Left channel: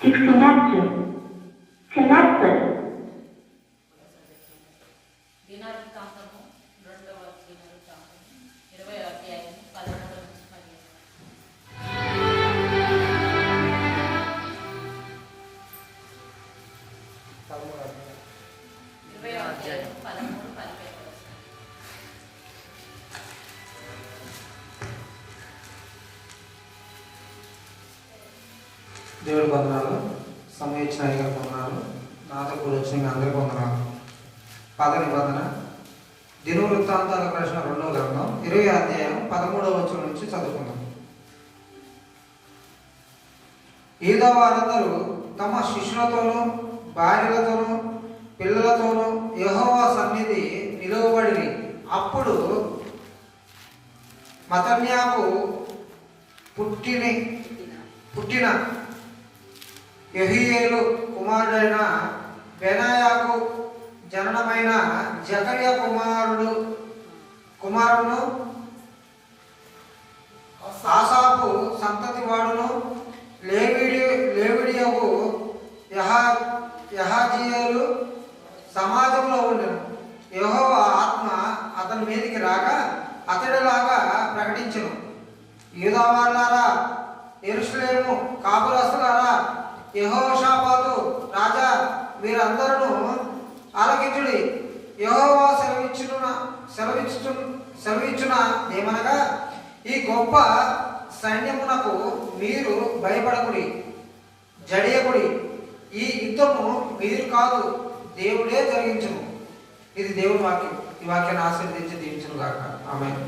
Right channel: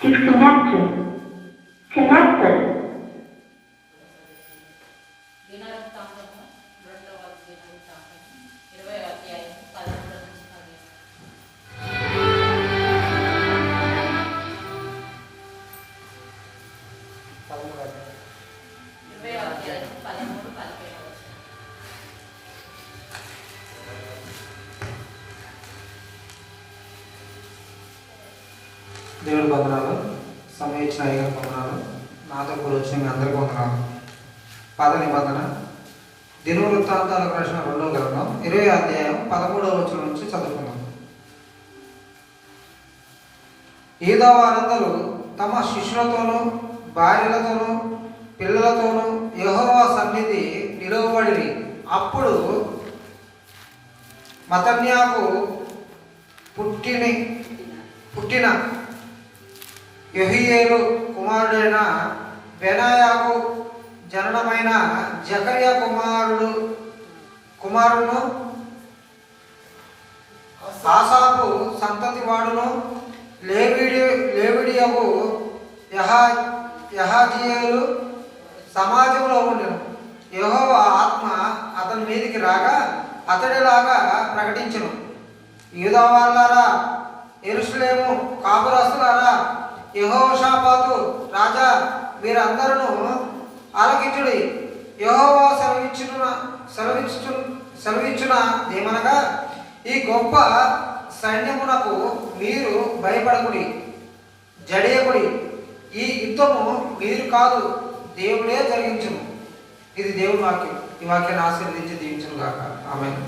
Disconnected. Connected. దినవృత్తాంతము 2వ దినవృత్తాంతము 20వ అధ్యాయం 13 నుంచి 20వ అధ్యాయం 13, 17 వచనం. దేవుడి వందనాలు, సమయం ఇచ్చిన అయ్యగారి వందనాలు, నాతో కూడా వచ్చిన మీ అందరికీ వందనాలు. పాత నిబంధన దినవృత్తాంతాలకు రాసిన 2వ గ్రంథం 20వ అధ్యాయం 13వ వచనం నుంచి చదువుకుందాం. యూదా వారందరూ తమ శిష్యులతోనూ భార్యలతోనూ పిల్లలతోనూ యెహోవా సన్నిధి నిలువబడిరి. అప్పుడు మత్తన్యాకు పుట్టిన యెహీయేలు కుమారుడైన బెనాయాకు జననమైన జకర్యా కుమారుడును ఆసాపు సంతతి వాడును లేవిడియకు యహాజీయేలు సమాజంలో ఉండెను. యెహోవా ఆత్మ అతని మీదికి రాగా అతడిలాగా ప్రకటించెను. యూదా వారులారా, యెరూషలేము కాపురస్తులారా, యెహోషాపాతు రాజా, మీరందరూ ఆలకించుడి. యెహోవా సెలవిచ్చున ఏమనగా, ఈ గొప్ప సైన్యమునకు మీరు భయపడకుడి, జడియకుడి. ఈ యుద్ధము మీరు కాదు, దేవుడే జరిగించును. ఇది దేవుని వాక్యం. ఈ వాక్యాన్ని ఆశీర్వదించి దీవించును గాక. ఆమేన్.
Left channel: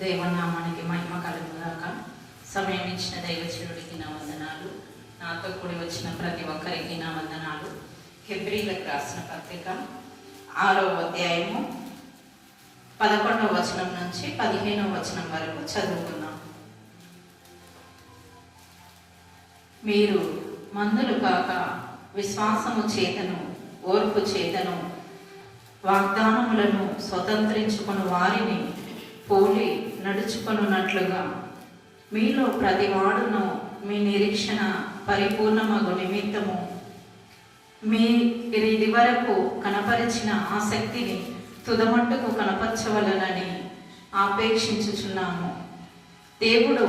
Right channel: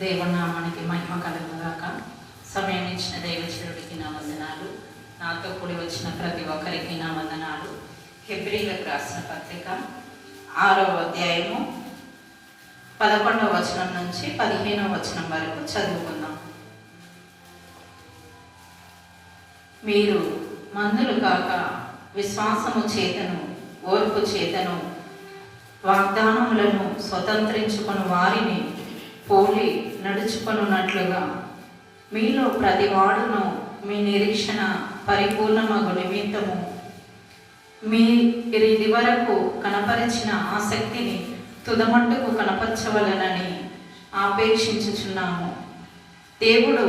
దేవుని నామానికి మహిమ కలుగుగాక. సమయం ఇచ్చిన దైవచరుడికి నా వందనాలు. నాతో కూడి వచ్చిన ప్రతి ఒక్కరికి నా వందనాలు. హెబ్రీలకు రాసిన పత్రిక 6వ అధ్యాయము 11వ వచనం నుంచి 15వ వచనం వరకు చదువుకుందాం. మీరు మందులు కాక విశ్వాసము చేతను ఓర్పు చేతను వాగ్దానములను స్వతంత్రించుకుని వారిని పోలి నడుచుకొనున్నట్లుగా మీలో ప్రతివాడును మీ నిరీక్షణ పరిపూర్ణమగు నిమిత్తము మీరిది వరకు కనపరిచిన ఆసక్తిని తుదమట్టుకు కనపరచవలెనని ఆపేక్షించుచున్నాము. దేవుడు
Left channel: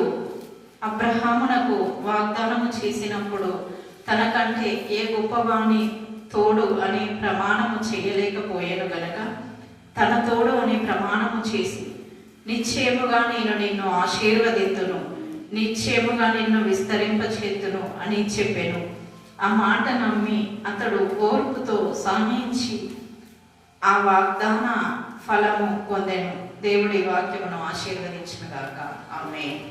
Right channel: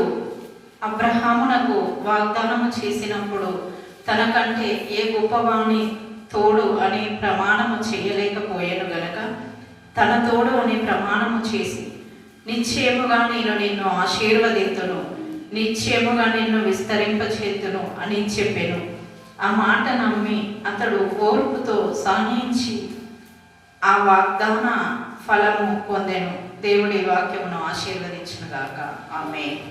అబ్రహామునకు వాగ్దానము చేసినప్పుడు తనకంటే ఏ గొప్పవాణి తోడు అనే ప్రమాణము చేయలేకపోయాను గనక తన తోడు అనే ప్రమాణము చేసి నిశ్చయముగా నేను నిన్ను ఆశీర్వదింతును, నిశ్చయముగా నిన్ను విస్తరింపచేతును అని చెప్పాను. ఆ మాట నమ్మి అతడు ఓర్పుతో సహించి ఆ వాగ్దాన ఫలము పొందెను. దేవుడి వాక్యమును ఆశీర్వదించునుగాక. ఆమేన్.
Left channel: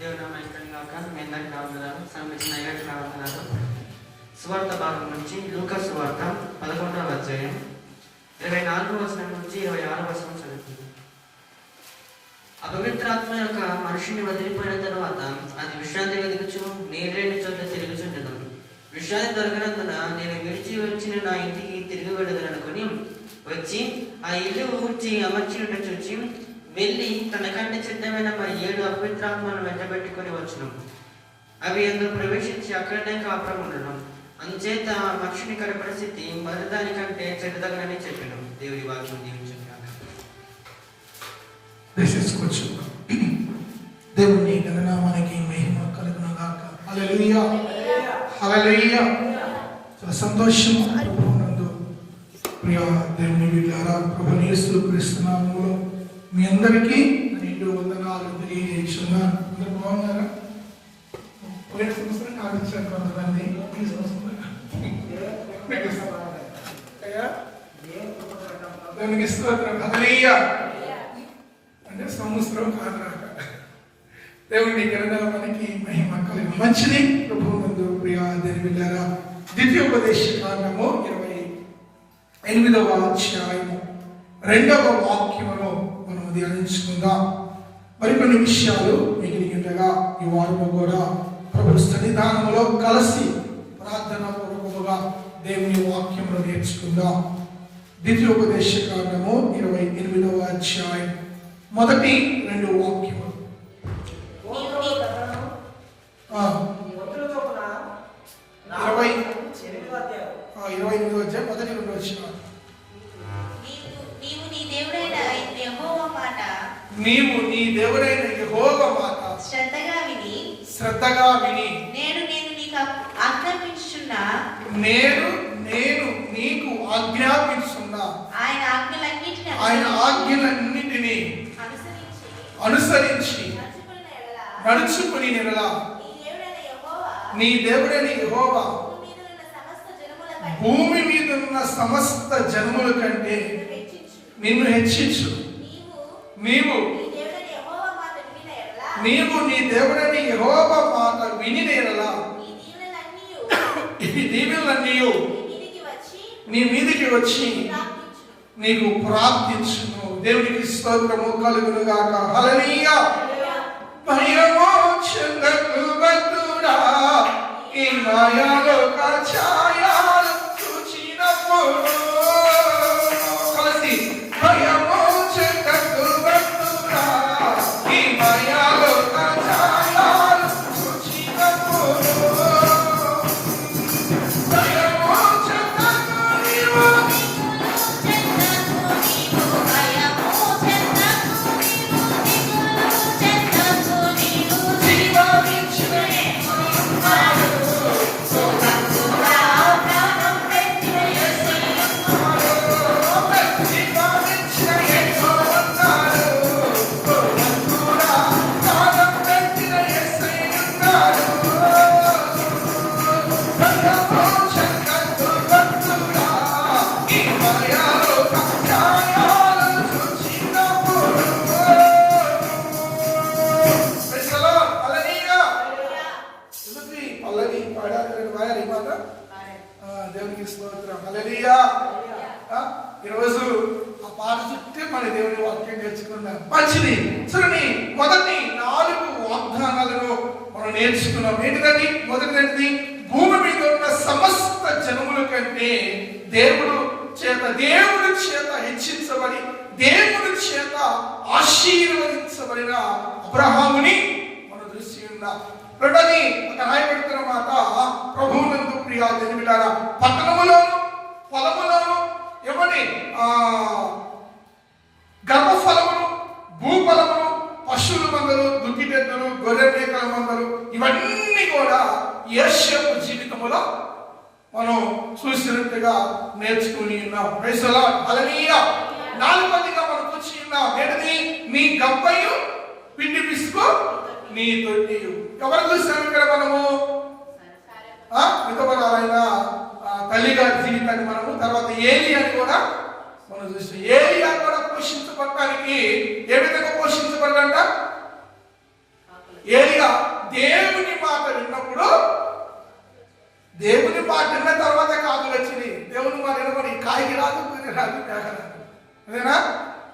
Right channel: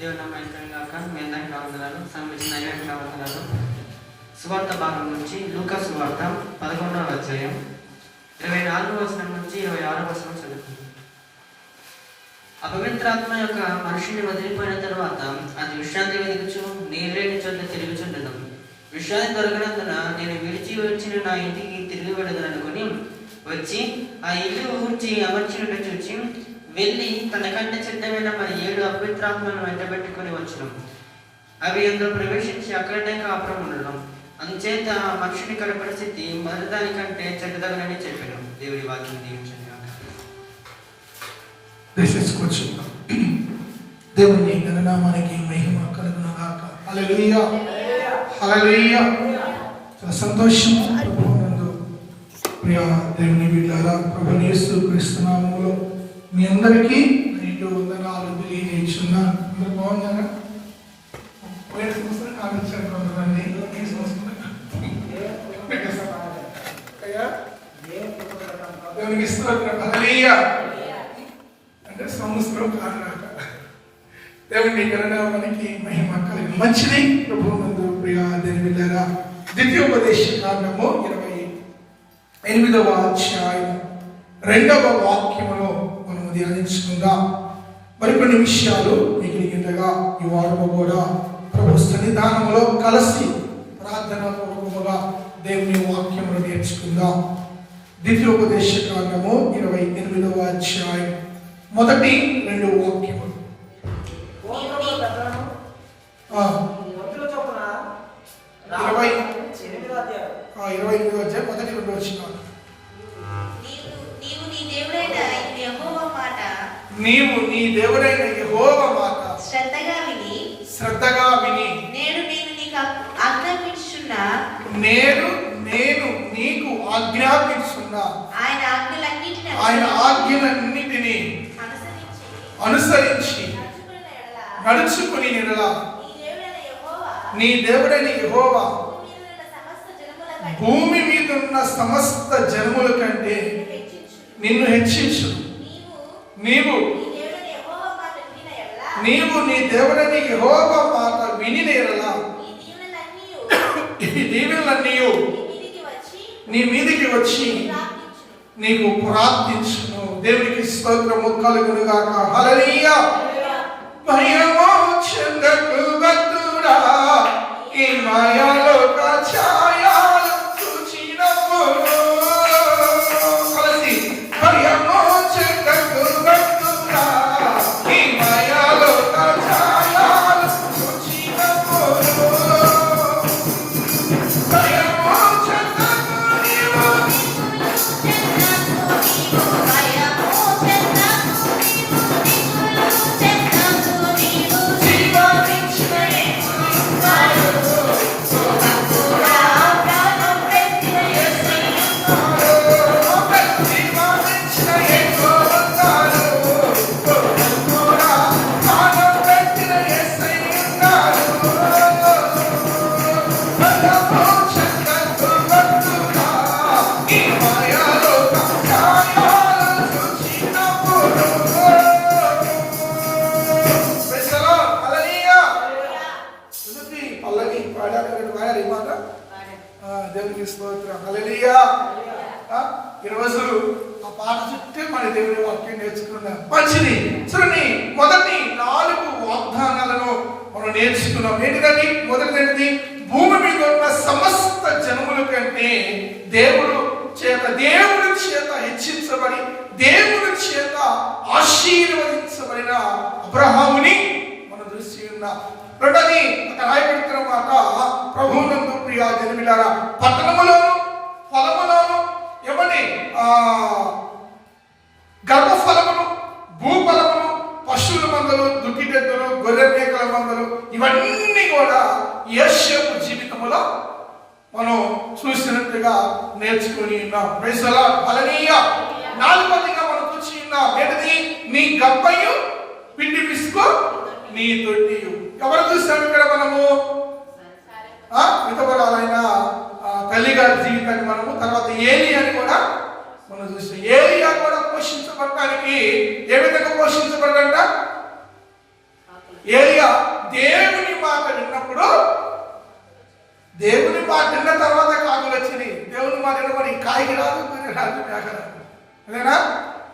దేవుని నామానికి గాక. మీ అందరికీ రావడాలు సంబంధించిన అయ్యకి రావడాలు. సువార్త భాగం నుంచి లూకా సువార్త 11వ అధ్యాయం 24వ వచనం నుంచి 26వ వచనం చదువుతుంది. అపవిత్రాత్మ యొక్క మనిషిని వదిలిపోయిన తర్వాత అది విశ్రాంతి వెతుకుచు నీళ్ళని చోట్ల తిరుగుచుండను. విశ్రాంతి దొరకనందున నేను విడిచి వచ్చిన నా ఇంటికి తిరిగి వెళ్ళదనుకుని వచ్చి ఆ ఇల్లు ఊడ్చి అమర్చినట్టు చూచి వెళ్ళి తనకంటే సిద్ధమైన మరి 7 అపవిత్రాత్మలను వెంటబెట్టుకుని వచ్చును. అవి అందులో ప్రవేశించి అక్కడనే కాపురం ఉండడం. అందుచేత మనిషిని పరిస్థితి మరి దానికంటే చెడ్డదగనని చెప్పాను. దేవుడి వాక్యం దీవించండి. దేవుని ఘననామానికి మహిమ కలుగునుగాక. హల్లెలూయా, హల్లెలూయా. చాలా సంతోషం. ప్రియ దేవుని బిడ్డలారా, ప్రభువైన యేసు క్రీస్తు నామములో మీ అందరికీ నేను వందనాలు తెలియజేస్తున్నాను. అందరూ బాగున్నారా? పోయిన సంవత్సరం కావించాను కొంతమంది. ఈ సంవత్సరం దేవునికి స్తోత్రం. హల్లెలూయా. అంటే సంవత్సరం కాదు రాక. దేవుని ఘననామానికి మహిమ కలిగి మంచిది. ప్రభువునందు ప్రియ దేవుని బిడ్డలారా, ద్వితీయోపదేశ కాండము 28వ అధ్యాయం 2వ వాక్యములో మనం ధ్యానించుకుందాం. మరికొన్ని విషయాలు మిగిలిగా ఈ వారము కూడా ప్రభు సన్నిధానంలో కలిసి ప్రార్థన పూర్వకముగా దేవుని వాక్యమును నేర్చుకుందాం. ద్వితీయోపదేశ కాండము 28వ అధ్యాయం 1-2 వాక్యములు. 28వ అధ్యాయం 1-2 వచనాలు. నీవు నీ దేవుడైన యెహోవా మాట శ్రద్ధగా విని నేను నీకు ఆజ్ఞాపించున్నా ఆయన ఆజ్ఞలన్నిటినీ అనుసరించి నడుచుకుని నెరలా నీ దేవుడైన యెహోవా భూమి మీద ఉన్న సమస్త జనముల కంటే నిన్ను హెచ్చించు. నీవు నీ దేవుడైన యెహోవా మాట వినిన యెడల ఈ దీవెనలన్నీ నీ మీదికి వచ్చి నీకు ప్రార్థించును. దేవునికి స్తోత్రము కలుగును గాక. హల్లెలూయా. మహిమో చెందకు భక్తుడా ఈ మాయాలోక ఛాయలు చూచినప్పుడు దేవునికి స్తోత్రం. హల్లెలూయా. ఈరోజు ఆ పాట చుట్టే మన దేవుని వాక్యం నేర్చుకున్నాం. మంచిది. చూడండి, మొదటి 4 వాగ్దానాలను మనం నేర్చుకున్నాం. ఏంటిదండి? మొదటిది, భూమి మీద ఉన్న సమస్త జనముల కంటే దేవుడి చేత హెచ్చించబడి దేవుడి చేత ఆశీర్వదించబడిన అబ్రహాముని మనం చూసి ఉన్నాం. రెండోది, అక్కడ రాయబడుతున్న మాట, ప్రభువునందు ప్రియ జనమిలారా, పట్టణములోను ఫలములోను ఏమండి గర్భఫలములు, భూఫలములు, పశువుల మందలు, దుక్కిటెద్దులు, గొర్రె మేకల మందలు, ఇవన్నీ కూడా యోసేపు జీవితంలో మనం చూసినట్టుగా నేర్చుకుని ఉన్నాం. Praise the Lord. హల్లెలూయా. 4వదిగా మనం చూసి ఉన్నాం. ఏంటిది? నీ గబ్బయు పిండి పిసుకో నీ తొట్టియు. ఎవరు చూస్తాం ఇక్కడ మనము? విధవరాలైన తల్లిగారి జీవితాన్ని మనము, తర్వాత ఏలియాని కూడా మనం చూస్తాం. ఏలియా కూడా పోషించబడటానికి ఏ విధంగా పోషించబడ్డంట? ఏలియా దేవుని మాట విన్నప్పుడు, దేవుని మాట విన్న తర్వాత కాకులు వచ్చినాయి. దేవుని మాట వినబడి కాయకి రాదు, గురి రాదు, మేక రాదు. అదేనా?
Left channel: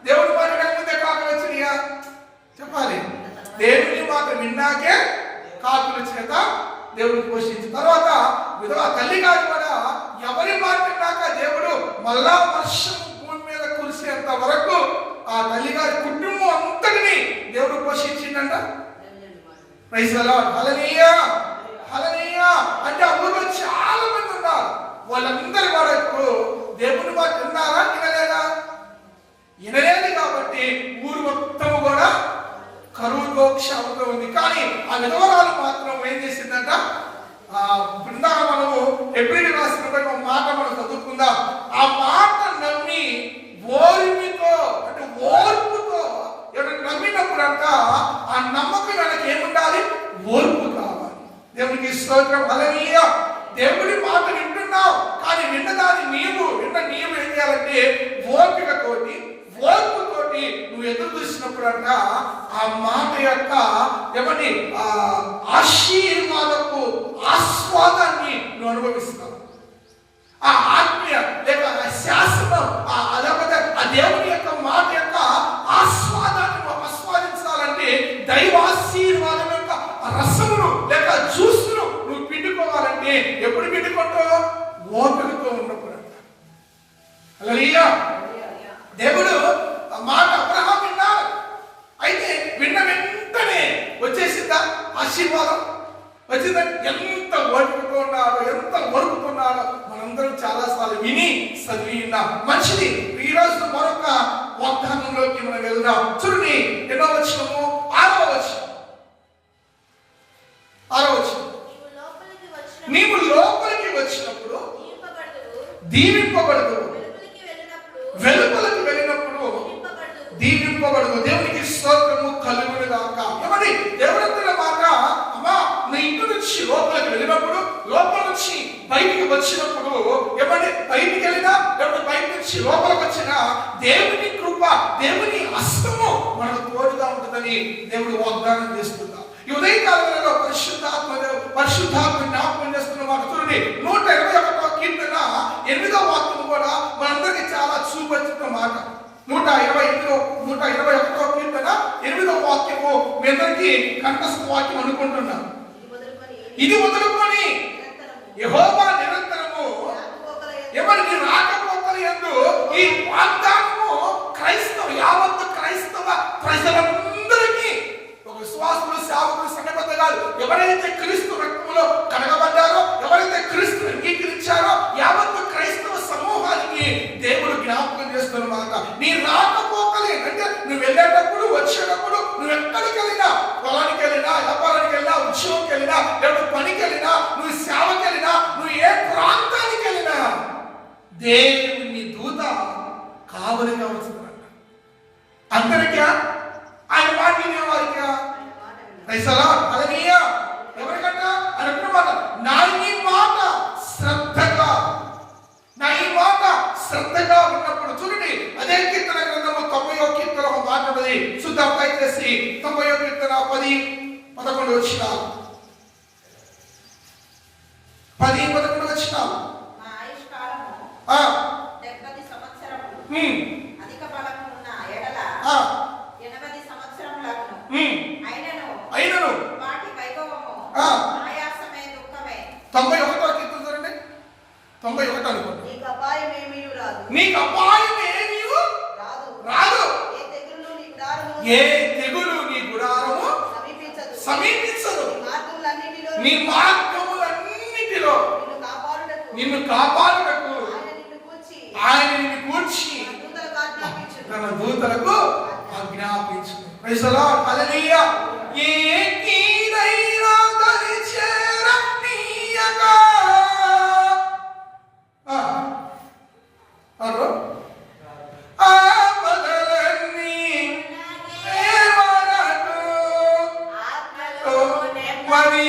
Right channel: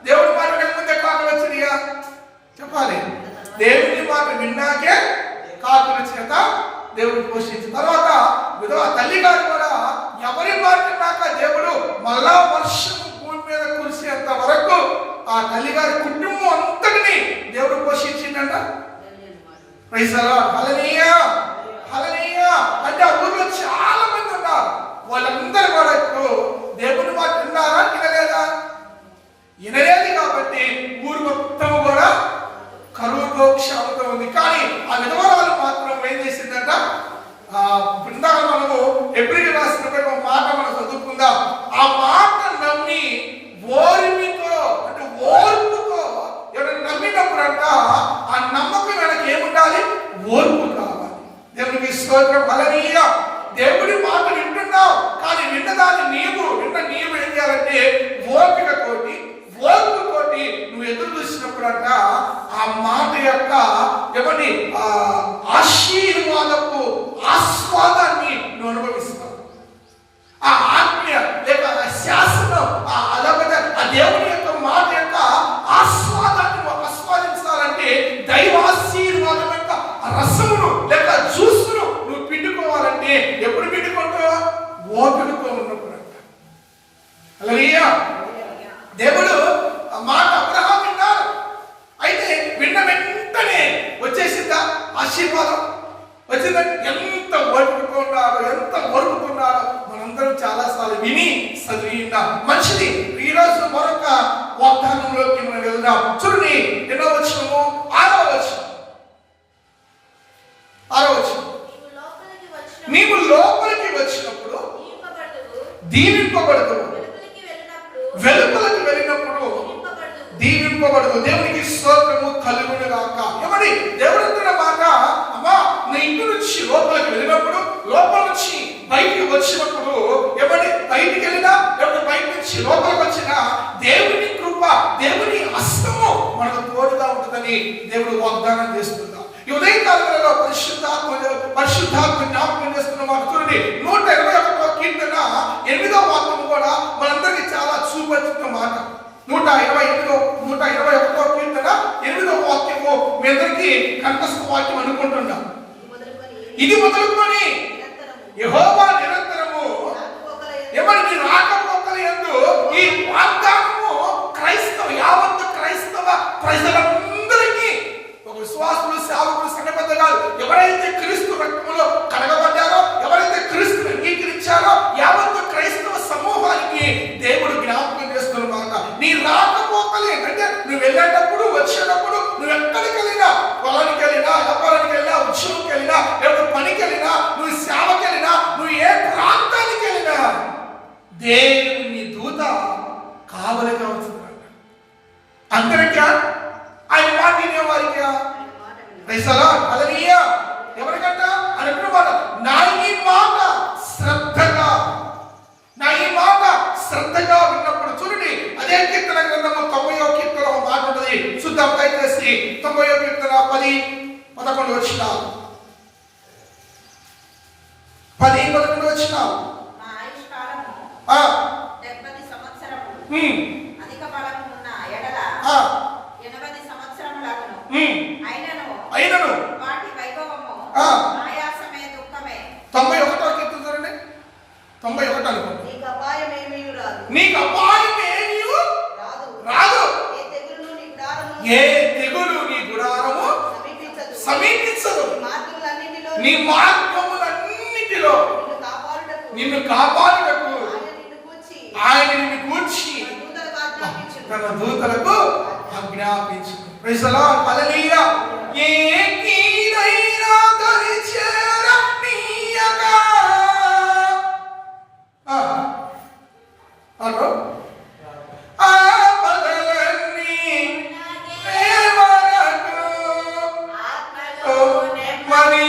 దేవుని మాట వినకముందే కాకులు వచ్చినాయా? చెప్పాలి. దేవుని మాట విన్నాకే కాకులు వచ్చినాక దేవుడు పోషించిన తర్వాత విధవ తల్లి గారు కూడా ఎవరి మాట విన్నాక దేవుడు మళ్ళా వర్షం భూమి మీద కురిసేంత వరకు ఆ తల్లి గారి కుటుంబం అంతటిని దేవుడు పోషించిందంట. Praise the Lord. Hallelujah. Hallelujah. అంటే ఆ ఊరిలో చాలా మంది ఉన్నారు. వాళ్ళందరూ కూడా ఇప్పుడు దేవుని మాట విన్నారా? వినలేదా? వినలేదు. కాబట్టి ఊరు మొత్తం కూడా కరువుతో క్షామతో ఉంది. కానీ ఆ విధవరాలు మాత్రం ఏం చేసిందంట? ఇందాక మనము ఎబ్రిల్ రాసినప్పుడు ఒక మాట మనం చదువుకుందాం. ఆ మాట నమ్మి ఓర్మితో, అంటే ఓర్పుతో ఎవరైనా నమ్మినప్పుడు అంట ఆ నమ్మకం మనకి ఏముండాలి? ఓర్పు కావాలి. దేవునికి స్తోత్రం. హల్లెలూయా. దేవుడి మాట వింటున్నావు, కానీ విన్నదాన్ని నీవు ఏం చేయాలంటే ఓర్పుతోటి నువ్వు ఎదురు చూసినప్పుడు అంట ఆ మాట యొక్క ఏమండి ఆశీర్వాదపు ఆస్వాదాన్ని నువ్వు ఆ ఆజ్ఞ లేక ఆ శాసనం లేకపోతే ఆ దేవుని యొక్క మాట యొక్క ఆస్వాదాన్ని ఆస్వాదించాలంటే దైవాశీర్వాదం యొక్క రసమును లేక జ్యూస్ను నువ్వు పిండుకోవాలంటే ఎప్పుడు పిండుకుంటావు? ఓపికతో ఉన్నప్పుడు అంట. హల్లెలూయా. దేవుడు ఆ మాట అబ్రహాం విన్నాడు. అయితే విన్న వెంటనే వచ్చేసిందా ఆశీర్వాదం? వచ్చిందంటే ఎంత ఓపికతో ఉన్నాడో, ఎంత వరుకుతున్నాడో మనందరం చాలా సార్లు విని చదివిన మంచిది. ఈ రోజు మరొక వాగ్దానంలోకి మనం వెళ్దాం. చూడండి, ఎన్నో వచనము? 6వ వచనం. నీవు లోపలికి వచ్చినప్పుడు దీవింపబడదు, వెలుపలికి వెళ్ళినప్పుడు దీవింపబడదు. దేవునికి స్తోత్రము కలుగును గాక. ఏమని దేవుడు అంటున్న మాట, అమ్మా నీ ఇంటి నుంచి లోపలికి వెళ్ళినప్పుడు, లోపల నుంచి బయటికి వచ్చినప్పుడు, ఏమని బయటికి వెళ్ళినా లేకపోతే బయట నుంచి లోపలికి వచ్చినా దేవుని కృప, దేవుని హస్తము మనకు తోడుగా ఉంటుందని దేవుడు వాగ్దానం చేస్తున్నాం. ఈ ఉదయకాలంలో పరిశుద్ధాత్మ జ్ఞాపకం చేస్తున్న మాట చూడండి. 121వ కీర్తన 8వ వాక్యం కూడా మనందరికీ చాలా చూపొచ్చిన మాట. 121వ కీర్తన 8వ వాక్యము మీ అందరికీ కంఠస్థ వాక్యం అనుకుంటున్నాం. ఇది మొదలుకొని యెహోవా నిరంతరము ఎవరి నీ రాకపోకల యందు ఈ వాగ్దానము యావత్తు క్రైస్తవ ప్రజలందరికీ, ఒక విశ్వాసులు, సేవకులు, సంఘబద్ధులు ఎవరైతే క్రీస్తు రక్తములో కడగబడ్డారో, ఎవరైతే క్రీస్తును అంగీకరించారో యావత్తు క్రైస్తవ సమూహానికి దేవుడు జ్ఞాపకం చేస్తున్నమాట. నీ రాకపోకలే అంటే నువ్వు వెళ్ళేటప్పుడు, వచ్చేటప్పుడు, నువ్వు ఎక్కడికి వెళ్ళినా, పొలానికి వెళ్ళినా, వ్యాపారానికి వెళ్ళినా, ఉద్యోగంకి వెళ్ళినా, లేకపోతే పనికి వెళ్ళినా, నువ్వు సేవకి వెళ్ళినా, నువ్వు ఏ ప్రాంతానికి వెళ్ళినా దేవుని దూత కావలిగా ఉంటున్నాడు. అందరికీ ఆయన మాట వినేవారిగా ఎవరికంట అనుకున్నమాట. నా ఈ మాట శ్రద్ధగా ఉన్నప్పుడు చూడండి, అదే కీర్తన గ్రంథము 90వ కీర్తన ఒక మాట ఉంటుంది. శుద్ధం దయచేసి 90వ కీర్తన 10-11 వచనాలు. 10-11 వచనాలు. అధిక బలము ఉన్న ఎడల 80 సంవత్సరములను అయినను వాటి వైభవము ఆయాసమే దుఃఖమే. 91వ కీర్తన చూడండి, 91 అనుకోండి. నీకు అపాయం ఏమీ రాదు, నీకు అపాయం ఏమీ రాదు, ఏ తెగులు నీ గుడారము సమీపించదు, నీ మార్గములన్నిటిలో నిన్ను కాపాడుటకు ఆయన నిన్ను కూర్చి తన దూతలకు ఆజ్ఞాపించు. Praise the Lord. హల్లెలూయా. ఏ కీడైనా దరి చేరనీయక ఆపదలన్నీ ఏమనకు మరి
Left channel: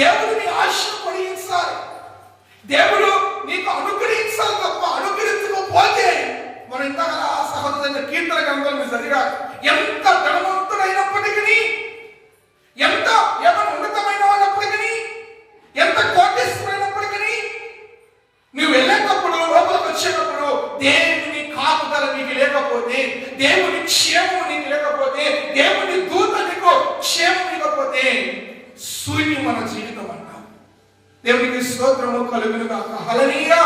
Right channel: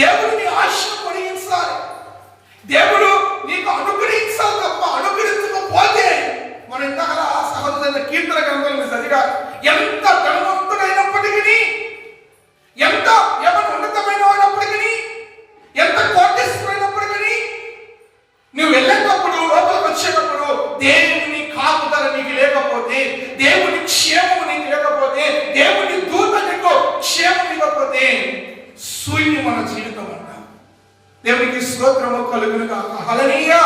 దేవుడిని ఆశ పొడిగించాలి. దేవుడు నీకు అనుగ్రహించాలి తప్ప అనుగ్రహించకపోతే మనం ఇందాక సహోదరుల కీర్తన గ్రంథంలో చదివా, ఎంత ధనవంతుడైనప్పటికీ, ఎంత ఏమైనా ఉన్నతమైన వాడినప్పటికీ, ఎంత కోటేశ్వరైనప్పటికీ, నువ్వు వెళ్ళేటప్పుడు లోపలికి వచ్చేటప్పుడు దేవుని కాపుదల నీకు లేకపోతే, దేవుని క్షేమము నీకు లేకపోతే, దేవుని దూత నీకు క్షేమం ఇవ్వకపోతే శూన్యం మన జీవితం అంట. దేవునికి స్తోత్రము కలుగును గాక. హల్లెలూయా,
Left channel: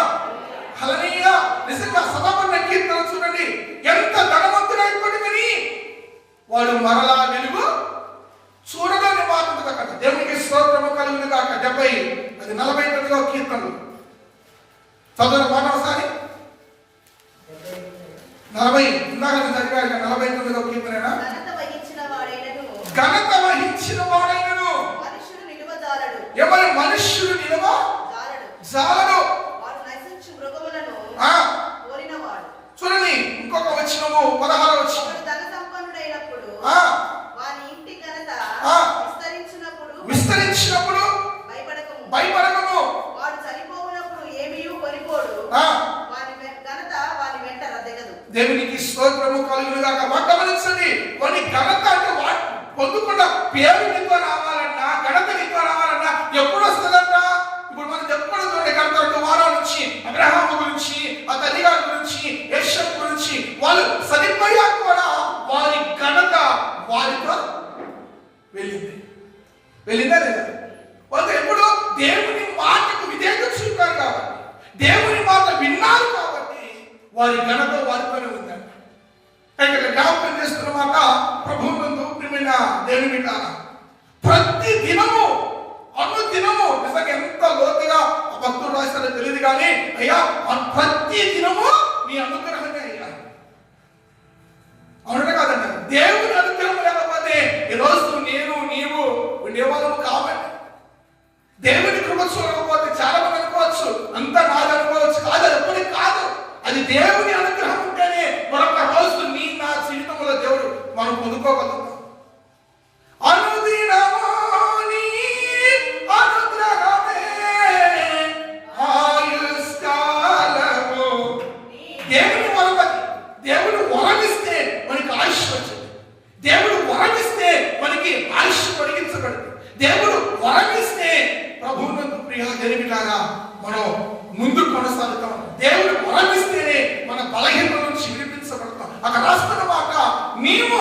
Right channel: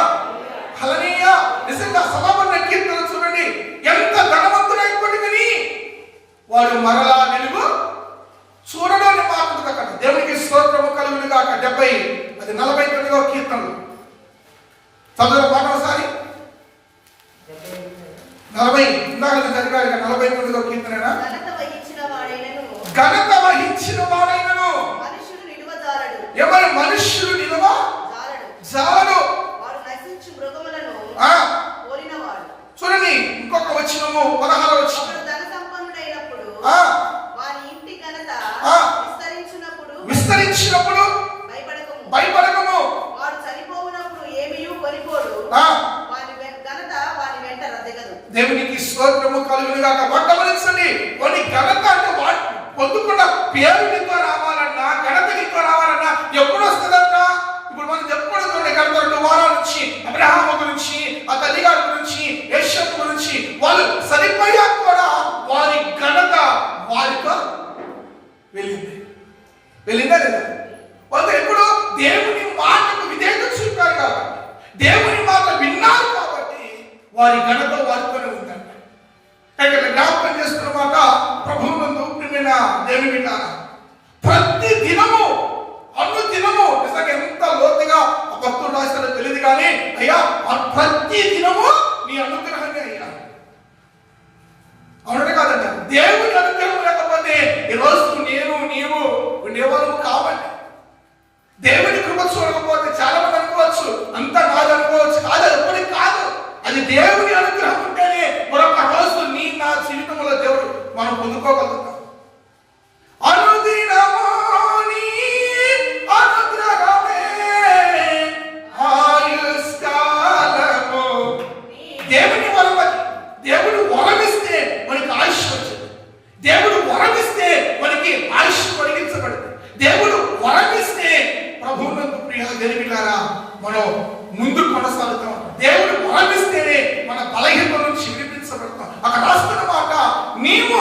హల్లెలూయా. నిజంగా సభాపన్న కీర్తన చూడండి, ఎంత ధనవంతుడైనప్పటికీ వాడు మరలా వెలుగు చూడడాన్ని మాత్రం కదా. దేవునికి స్తోత్రము కలుగును గాక. 49వ కీర్తన చదువు పాట ఒకసారి. 40 ఇందాక చదివారు 49వ కీర్తన. ఘనత వహించిన వాడైనను ఘనత వహించిన వాడైనను మనుషుడు నిలువజాలడు. ఎవరి మనుష్యుడు నిలవ జాలడు. వారు నశించు మృగములను పోలినవాడు. చూడండి ఇంకొక వచనము 16వ వచనం. ఒకడు ధన సంపన్నుడైనప్పుడు వాని ఇంటి ఘనత విస్తరించినప్పుడు భయపడకము. వాడు చనిపోవునప్పుడు ఏమీయూ కొనిపోడు. వాని ఘనత వాని వెంట రద్దెగదు. దేవునికి స్తోత్రము కలుగును గాక. గమనించండి, కొన్ని ఘనత అంటే పొందుకున్న పేరు నీతో రావాలన్నా, ఘనత నీతో రావాలన్నా ఎప్పుడు వస్తుందంట? ఇప్పుడు మనం చెప్పుకోవడం చూడండి, గత 2 వారాల నుంచి అబ్రహాము గురించి, ఆ తల్లిగారి గురించి, యేషపు గురించి వాళ్ళు సరిపోయాక కూడా వారి ఘనత వారితో వెళ్ళిందా లేదా? వాళ్ళు ఎప్పుడు దేవుని మాటకు విధేయత చూపారు కాబట్టి, దేవుని మాట విన్నారు కాబట్టి వారి ఘనత వారితోనే ఉందంట. ఇక్కడ జ్ఞాపకం చేస్తున్న మాట ప్రభువునందు ప్రియమైన దేవుని విన్నారా, ప్రతి దినము అనుదినము, నిజంగా ఎంత లోతుగా భక్తులు రాస్తారో తెలియదు కానీ అయ్యా ప్రతి దినము నీ అనుగ్రహంగా అయ్యా. అవునంటే కాదంట. దేవుని అనుగ్రహం లేకపోతే ఈరోజు నీవు ఉండేవాళ్ళము కాబట్టి, దేవుని కృప చూడకపోతే చాలా మంది అనుకోవచ్చు అంతా నాది అనుకోవచ్చు. కాదు, ఎప్పటికి కాదు. అది దేవుని అనుగ్రహం ఉంటేనే మరొక రోజు నా జీవితంలో దేవుడు మనం పొందుకోగలుగుతాం. అనుదినము నీ అనుగ్రహమే ఆయుష్కాలము. దేవుని వరమది. దేవుడు వరమిస్తే మనకి ఆయుష్ వచ్చింది. దేవుడు వరమిస్తే మనకి ఆయుష్ పొడిగించబడింది. దేవుడు వరమిస్తే ప్రభువునందు ప్రియ దేవులారా మనం ముందు కొనసాగుతాం. దేవుడు వరమిస్తేనే మన బలహీనత నుంచి విడిపించబడతాం. అక్కడ రాస్తున్న మాట, నీవు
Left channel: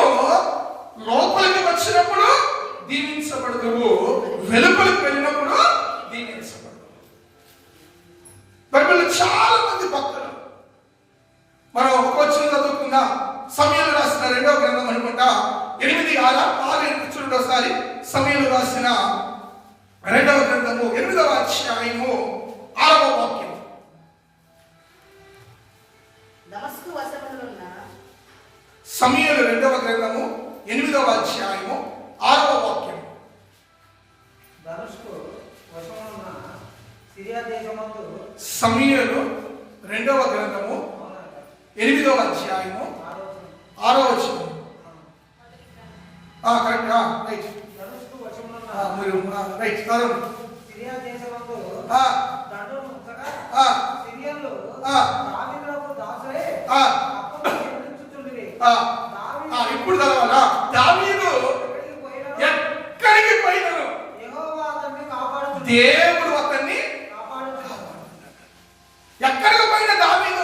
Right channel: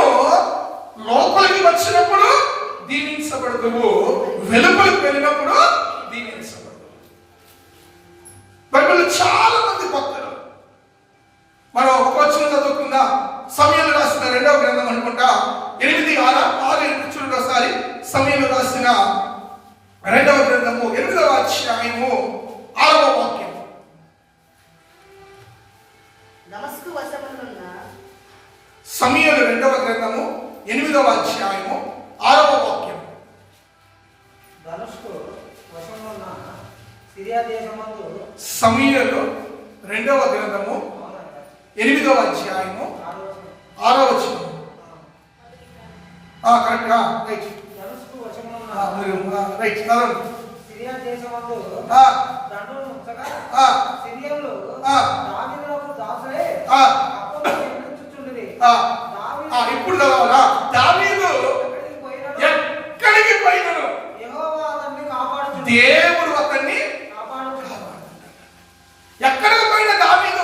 లోపలికి వచ్చినప్పుడు దీవించబడదువు, వెలుపలికి వెళ్ళినప్పుడు దీవించబడదు. బైబిల్లో చాలా మంది భక్తులు, మనం ఒక వచ్చిన చదువుకుందాం. సమయంలో రాసిన 2వ గ్రంథం అనుకుంటా 8, 6 చూడండి ఒకసారి. సమయంలో రాసిన 2వ గ్రంథము 8వ అధ్యాయము 6వ వాక్యం. దమస్కు వశమునున్న సమయంలో 2వ గ్రంథము 8వ అధ్యాయము 6వ వాక్యం. ధనుష్కు వశమున్న సిరియా దేశమందు సమయంలో 2వ గ్రంథము 8వ అధ్యాయము 6వ వచనం. Correct, right. ధనుష్కు వశమున్న మీరు రైట్ చదవండి. సిరియా దేశమందు దండును ముంచగా సిరియన్లు దావీదునకు దాసులే అప్పుడు నియమించుచుండిరి. ఇప్పుడు చదవాలా? దావీదు ఎక్కడికి పోయినను యెహోవా అతన్ని కాపాడుచుండెను. దేవుడు అతన్ని కాపాడుచుండెను. ఎక్కడికి పోయినా దావీదు,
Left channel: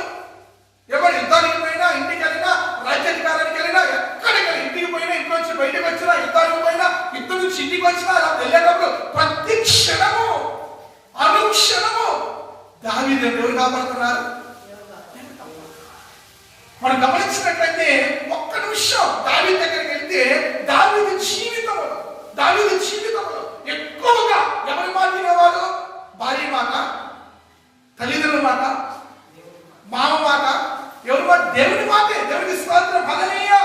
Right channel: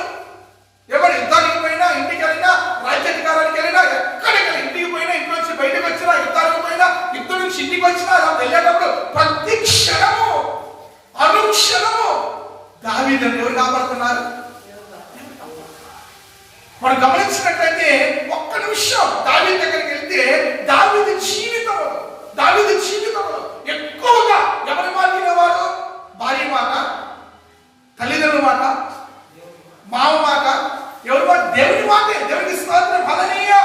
ఎవరు యుద్ధానికి పోయినా, ఇంటికి వెళ్ళినా, రాజ్యాధికారానికి వెళ్ళినా, ఎక్కడికి వెళ్ళి ఇంటికి పోయినా, ఇంట్లో నుంచి బయటకు వచ్చినా, యుద్ధానికి పోయినా, యుద్ధం నుంచి ఇంటికి వచ్చినా, అలా వెళ్ళేటప్పుడు ప్రతి క్షణము అనుక్షణము దావీదు ఎవరు కాపాడుతున్నారు? మనం గమనించినట్లయితే ఒక్క నిమిషం దావీదు దగ్గరికి వెళ్తే దావీదు జీవితంలో ఎక్కువగా ఎవరి మాట వినేవాడు? భార్య మాట, తల్లిదండ్రుల మాట, మామ మాట, ఎవరి మాట? దేవుని మాటే. దేవునికి స్తోత్రం, హల్లెలూయా.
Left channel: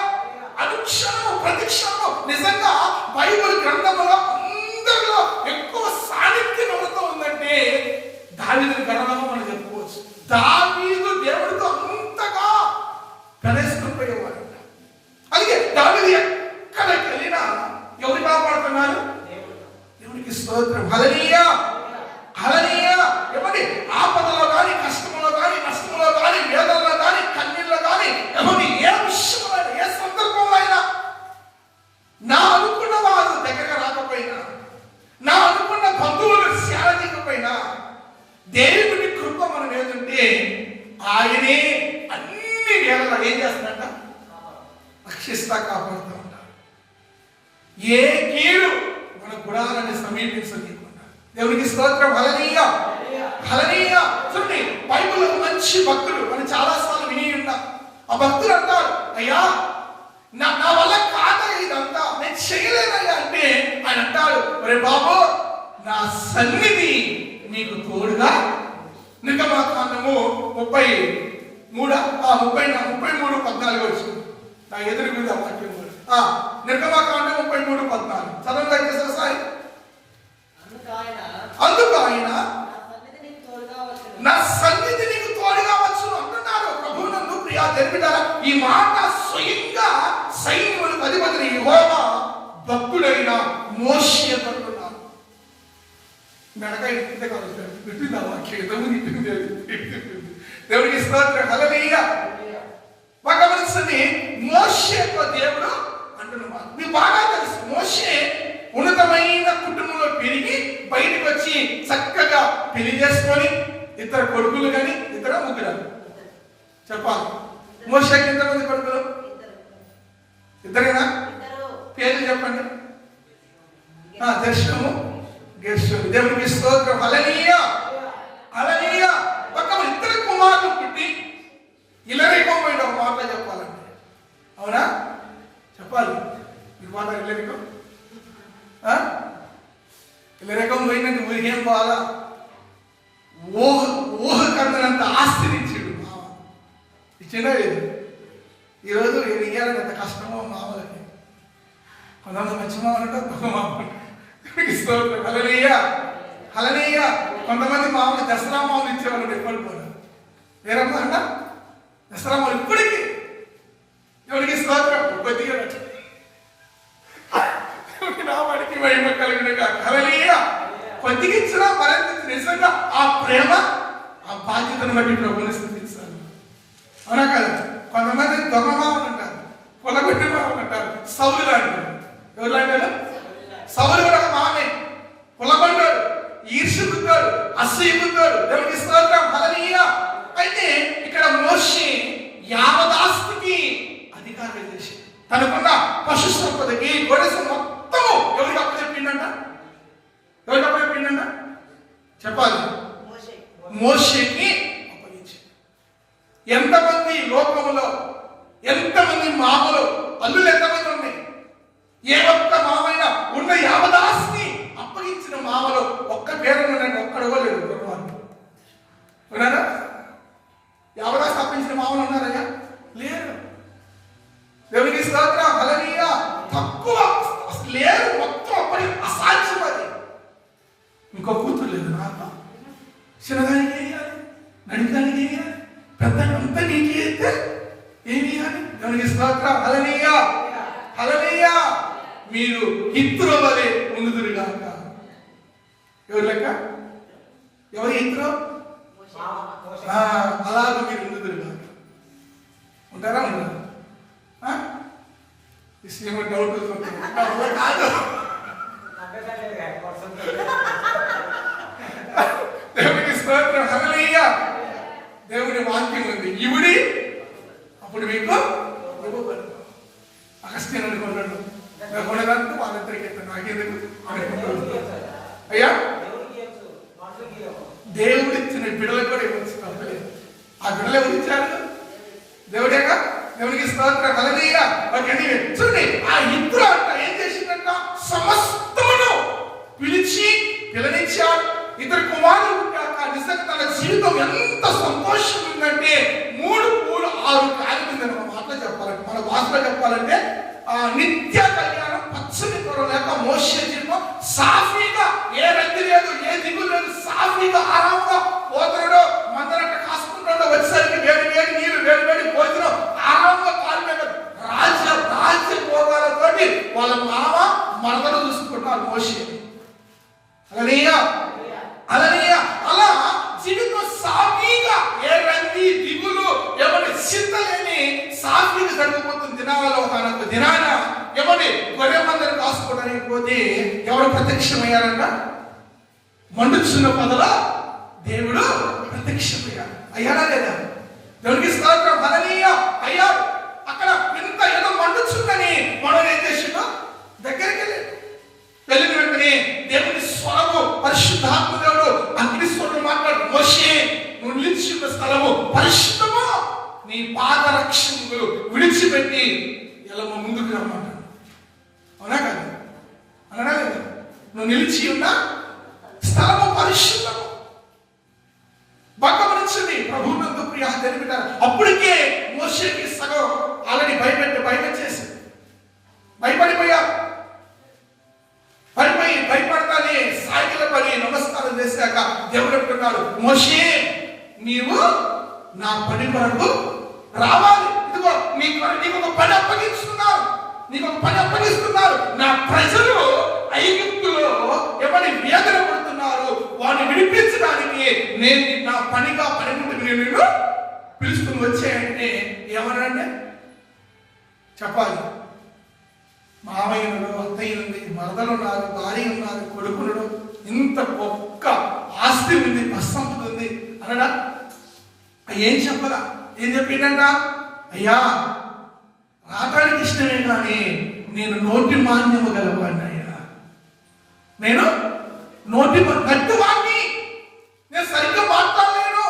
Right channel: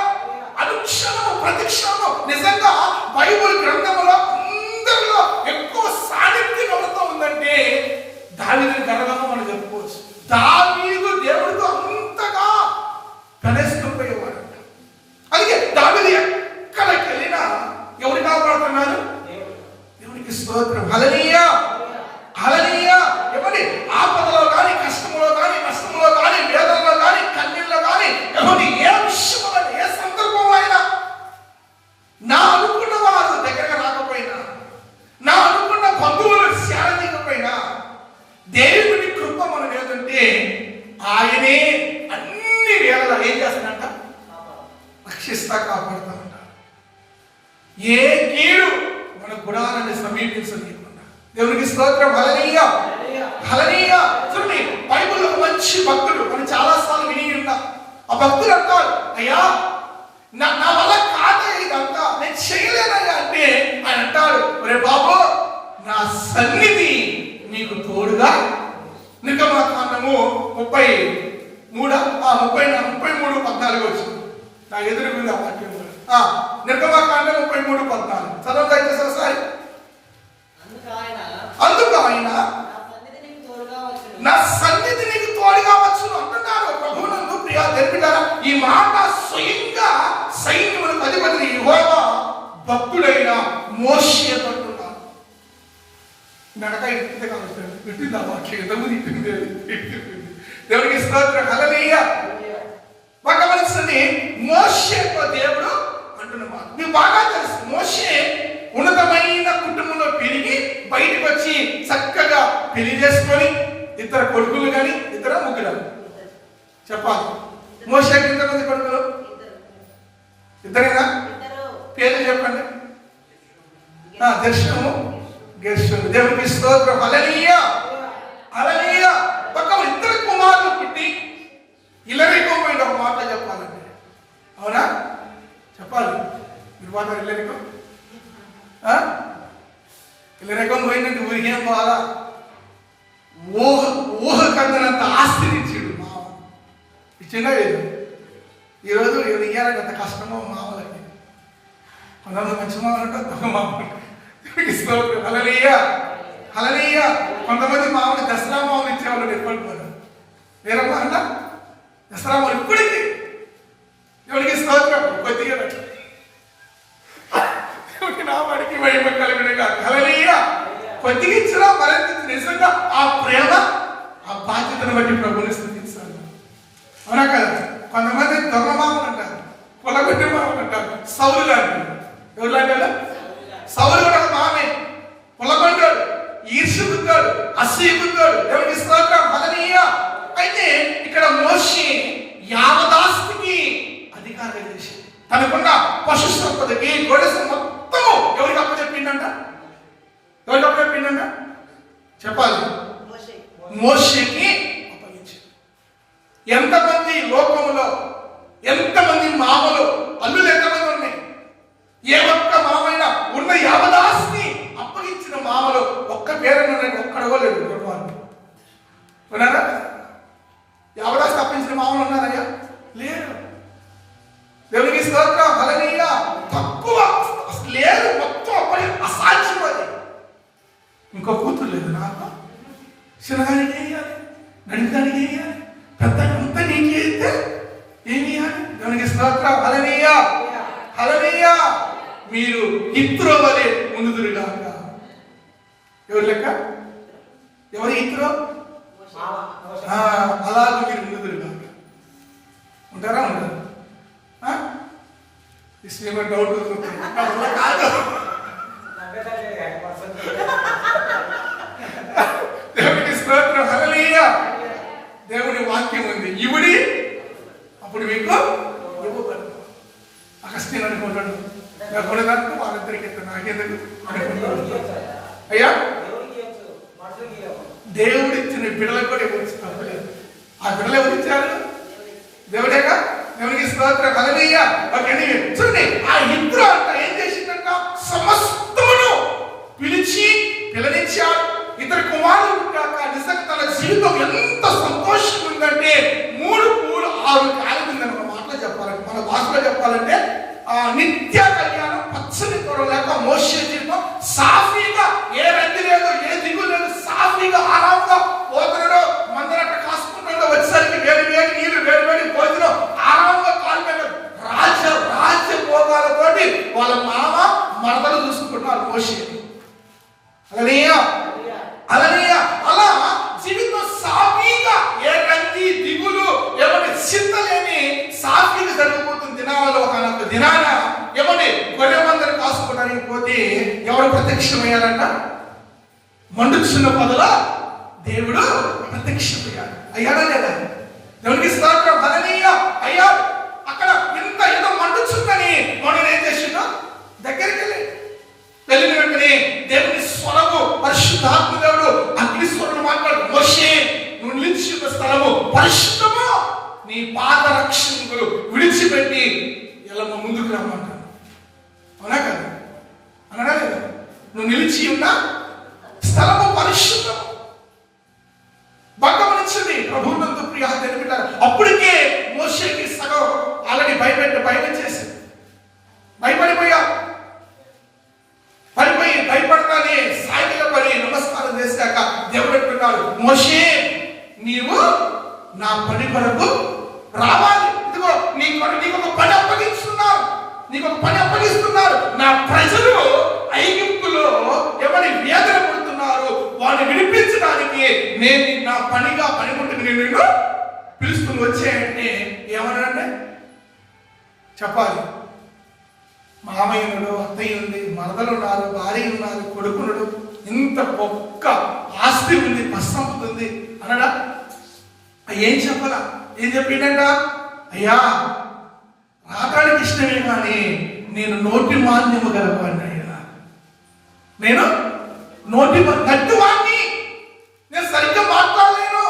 అనుక్షణము ప్రతి క్షణము నిజంగా బైబిల్ గ్రంథంలో అందరిలో ఎక్కువ సాన్నిధ్యం ఎవరితో ఉందంటే దావీదుని గర్వంగా మనం చెప్పుకోవచ్చు. దావీదు దేవుడితో అంతగా గణేశుపోయేవాడంట. అందుకే దావీదు ఎక్కడికి వెళ్ళినా ఎవరు కాపాడుతున్నారు? దేవుడికి దేవునికి స్తోత్రం. హల్లెలూయా, హల్లెలూయా. ఎవరి ఆపదలో కానీ, కష్టంలో కానీ, నష్టంలో కానీ, వేదనలో కానీ, కన్నీళ్ళలో కానీ, ఎవరి ఏ విషయంలో, ఏ సందర్భం అయినా నా అనుకున్న వారు దగ్గరకు రాకపోయినా, నా అనుకున్న బంధువులు శారీరకపోయినా, దేవుని కృప మనం ఏదంటే ఆయనే అన్ని వేళలా ఏం చేస్తాడంట? రక్షిస్తా, కాపాడుతూ ఉంటాడు. ఏ కీడు మన గుడాలని సమీపించలేకుండా. దేవునికి స్తోత్రం. హల్లెలూయా, హల్లెలూయా. చూడండి, బైబిల్ మంచి భక్తుడు మనం చాలా సార్లు విని ఉన్నాం. ఆ భక్తుడు అంటాడు, అయ్యా నా వల్ల కాదు ఇదంతా, నేను చేయలేనయ్యా అంటే ఆయన అంటాడు, ఒరే బాబు నా సన్నిధి నీకు తోడుగా. నిర్గమాకాండము 33:14 వచ్చింది. నా ఎదురుగుంది ఆ వాక్యం కూడా. నిర్గమాకాండం 33:14 చదవండి దయచేసి సాయి. అందుకు ఆయన నా సన్నిధి నీకు తోడుగా వచ్చును అంటున్నాడు. ప్రభువునందు ప్రియా జరిపిటారా, ఈ మాట స్వయంగా సైన్యములకు అధిపతి యెహోవా భక్తుడైన మోషేతో అంటున్నాడు. మెడకాయ ఇట్టిందే కావచ్చు, పెట్టింది ఆ వాక్యం, ఎంతమంది ఇట్టింది అది. దేవునికి స్తోత్రం. హల్లెలూయా. గమనించండి, మోషేతో దేవుడు అంటున్నమాట. మీకు బాగా తెలుసు, మోషే ఉన్నతమైన కుటుంబంలో పెరిగి బయటకు వచ్చి చక్కగా పెళ్లి చేసుకొని ఇద్దరు కొడుకులు కానీ, ఇద్దరు ముగ్గురు చెప్పాలి. మోషేకి ఎంతమంది కొడుకులు? ఇద్దరేనా? పేర్లు చెప్పండి. దర్శనము, గెర్షోను. దేవునికి స్తోత్రం. హల్లెలూయా, హల్లెలూయా. ఇద్దరు కుమారులు పుట్టి ఇల్లరికం పోయింది. ఒక మాట చెప్పాలంటే, అవునా? చెప్పాలి. మీరు మాట ఇల్లరికం పోయిందంటే ఊరికి ఏం పోవాలా? ఊహ కందనంత ఆస్తినిచ్చాడు మామ. ఇచ్చిండా లేదు? ఈరోజు ఇయ్యాలని ఎంత కష్టమో మామలకి. కొంతమంది మంచి మామలు ఉంటారు, దొంగ మామలు ఉంటారు. హల్లెలూయా, హల్లెలూయా. కొంతమంది మామూలు దసరా మామూలు ఇచ్చేవాళ్ళు ఎప్పటిపోయారు. వేరమ్మా అన్న దసరా మామూలు ఇప్పటికీ ఎవరికి స్తోత్రం. కొద్దిగా నా వాడికి మహిమ కలిగిన హల్లెలూయా. కొద్దిగా ఇచ్చినా మరింత నిజంగా ఆ ప్రేమ, ఆ బాధ్యతను బట్టి ప్రభువుని స్తుతించాలి. అవునా కదా? కొంతమంది దొంగ మామూలు అంటారు, కులగొడ్డ మామూలు అంటారు, సౌలు లాంటి. ఎవరు లాంటి? సౌలు కూడా మామే, కులగొడ్డాడు, ఈర్ష్యబుద్ధాడు, అసూయబుద్ధాడు. దేవునికి స్తోత్రం. హల్లెలూయా. అయితే ఇక్కడ మోషే యావదాస్తికి అధికారం చేసి తనకున్న పశు సంపదకి గొడస మొత్తము ఎవరికి అప్పచెప్పిండంట? ఎవరికి అప్పచెప్పిండంట? చెప్పాలి. మోషేకి అప్పగించాడు. ఎంతమంది లోకములో, ఎంతమంది మామలు, అల్లులు ఎంతమంది ఉన్నాయి? ఏ ఒక్క మామైనా ఉన్న యావదాస్తి అప్పగించిన మామలు ఒక్క పేరున్నారంటే ఒక్కడగోలేదు. ఉన్నారా? యావదాస్తి అప్పగించిన మామలు ఉన్నారయ్యా? లేరు. దేవునికి స్తోత్రం. హల్లెలూయా. తక్కువ లేదు, మొత్తం అప్పటి అసాధ్యం. అది ఇంకో కూతురు లేదు నాకు. చిన్నదానికి వేయాలి, నడిదానికి వేయాలి, పెద్ద అంతా నీకు అయితే ఏమి వేయాలి? దేవునికి స్తోత్రం. హల్లెలూయా, హల్లెలూయా. మీరు ఇత్రో వలె ఉండుదురుగాక. ఎవరి లెక్క? ఎవరి ఇత్రో? అలాగ మీరు ఉండుదురుగాక. ఉంటారా? ఉండరు? ఇస్లేమో డౌట్ కాదు. దేవునికి స్తోత్రం. హల్లెలూయా. దేవుని వాక్యం ఉంది, ఇవుడి అప్పుడు మీకు ఇవ్వబడదు. అగస్త్యను అనుకుంటాడు, కొనదాంతో వాళ్ళిద్దరికి నాకేందుకు అనుకుంటాడు. అయ్యా, దేవుడు ఇచ్చిన బిడ్డలకు కూడా ఇవ్వచ్చు, తప్పలేదు. ఆ బిడ్డలు ఎవరు ఇచ్చారు? దేవుడేగా. దేవునికి స్తోత్రం. హల్లెలూయా. చూడండి, ఆ ఇద్దరు అంట ఏం చేసిందంట? సమస్తమును పిలిచి పిల్లనిచ్చాడు. ఇద్దరు కుమారులు పుట్టాక నిజంగా తన జీవితం ఎంత సంతోషంగా ఉందంటే 3 పూలు 6 కాయలు ఉందని ఒక మాటలో చెప్పాలంటే, మన భాషలో చెప్పాలంటే నిత్య కళ్యాణం, పచ్చని తోడు లేక మోషే జీవితం సాఫీగా, ఏ రద్దు లేదు, ఏ దిగులు లేదు, సాఫీగా ఆరాముగా పోతున్నాడు. మందరట కాసుకుంటాడు, వచ్చేసరికి వేడి వేడి నీళ్ళు, వేడి వేడి భోజనం, ఆరాముగా కాలు మీద రాజ్య భోగాలతోటి వాళ్ళ మామ మరదలు చూసుకుంటున్నారు మోషేని. హల్లెలూయా, హల్లెలూయా. అలా జీవితం సాఫీగా, ఏ రంది దిగులు ఎవరి చింతలేని సాఫీగా జరిగిపోతుంది. దినాలలో ఒక దినాన ఎవరి గొర్రె మందరు కాసుకోవడానికి పోతే ఎవరు ప్రత్యక్షమయ్యారంట? మండుచున్న పొదల దేవుడు ప్రత్యక్షమయ్యాడు. అయ్యాడా లేదా? దేవునికి స్తోత్రం, హల్లెలూయా. అయ్యా, అక్కడ ఇంత ఏదో మండుచుందని మనం ఏం చేసిందో దగ్గరికి వెళ్ళిన వెంటనే దేవుని స్వరము, పరిశుద్ధాత్మ దేవుడు అగ్ని స్వరుడు మాట్లాడు, మోషే నువ్వు నిలిచిన స్థలము పరిశుద్ధము, నీ పాద రక్షణలు విడిచిపెట్టి ఇలా ముందుకు రమ్మంటాడు. అవునా కదా? అనగా లేదు, నువ్వు నిలిచి ఉన్న స్థలము పరిశుద్ధము. గమనించింది ప్రభువునందు ప్రియ తెలిపినారు. అప్పటికే మోషేకి సగం ఆల్రెడీ భయపెట్టేసి భయపడిపోయారు. భయపడతానే సాయిల పడి నమస్కారం చేశాక దేవుడు అంటున్నాడు, మోషే నీవు నా పని కొరకు రావాలి. ఇదిగో నీకు ఒక పని అప్పగిస్తున్నారు. నా ప్రజలు ఐగుప్తులో ఎవరి వేదన పడుతున్నారు, వాడిని విడిపించడానికి నేను నా పనిముట్టుకు నేను నిన్ను పిలుచుకుని వచ్చాయంటే ఏమన్నాడంటే చెప్పాలి. మామయ్య ఉన్నాడు, అత్తయ్య ఉంది, మరదలు ఉన్నారు, భార్య ఉన్నారు, కొడుకున్నాడు, ఇంత ఒక్క ఆస్తి ఉంది, ప్రసంపద ఉంది అనడా? ఏం చెప్పాలా? ఏం చెప్పిండ? అయ్యా, రావడానికి ఇష్టమే కానీ నేను నోటి మాన్యము గలవాడిని. అయ్యా, నేను నట్టువాడిని, నేను సరిగ్గా మాట్లాడలేను,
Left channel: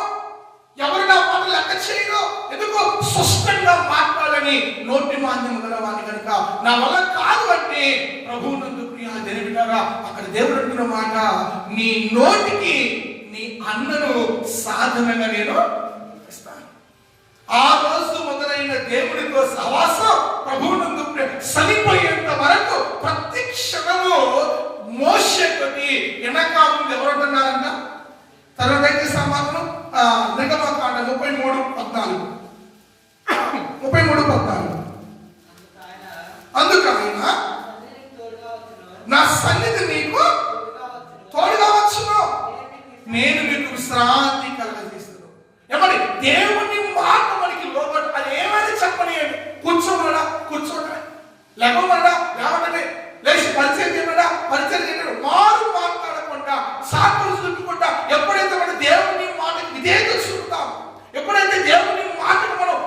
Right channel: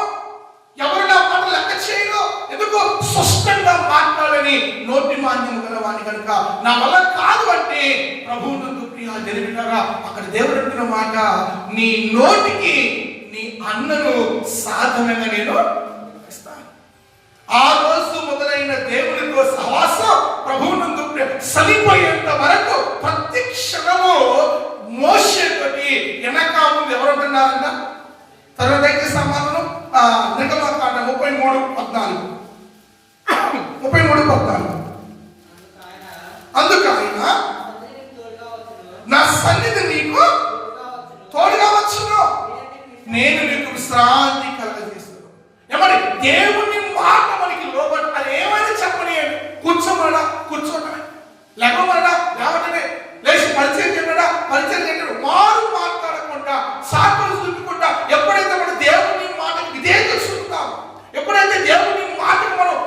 ఎవరు నా మాట లెక్క చేయను, ఎందుకు స్పష్టంగా మాట్లాడని నోటి మాన్యం గలవాడిని కనుక నా వల్ల కాదు అంటే ప్రభువునందు ప్రియ తెలిపినారా? అక్కడ దేవుడు అంటున్న మాట, నీ నోటికి నీ అన్నను సాధనంగా నేను ఇస్తాను. ఆ రోజు మొదలైన దేవునితో సహవాసం ప్రభువునందు సలిపోయేంత వరకు ప్రతి క్షణము మోషే తోటి వెనక ముందు ఎవరంటున్నారంట? తర్వాత సమాధానం నిర్గమకాండం 33:14. అందుకు ఆయన నా సన్నిధి నీకు తోడుగా వచ్చును, నేను నీకు విశ్రాంతి కలగజేస్తాను. ఏమని? దేవుని మాట మనకి లోబడి అది ఏమైనా చెప్పనియండి. కూర్చోటమే, లేకపోతే లేచి పరిచయం చేయడం, వారు మాట్లాడకుండా సాకులు చూపకుండా ఎప్పుడైతే మనం దేవుని మాటకి విధేయత చూపుతామో, ఎప్పుడైతే దేవుని మాటకు మనం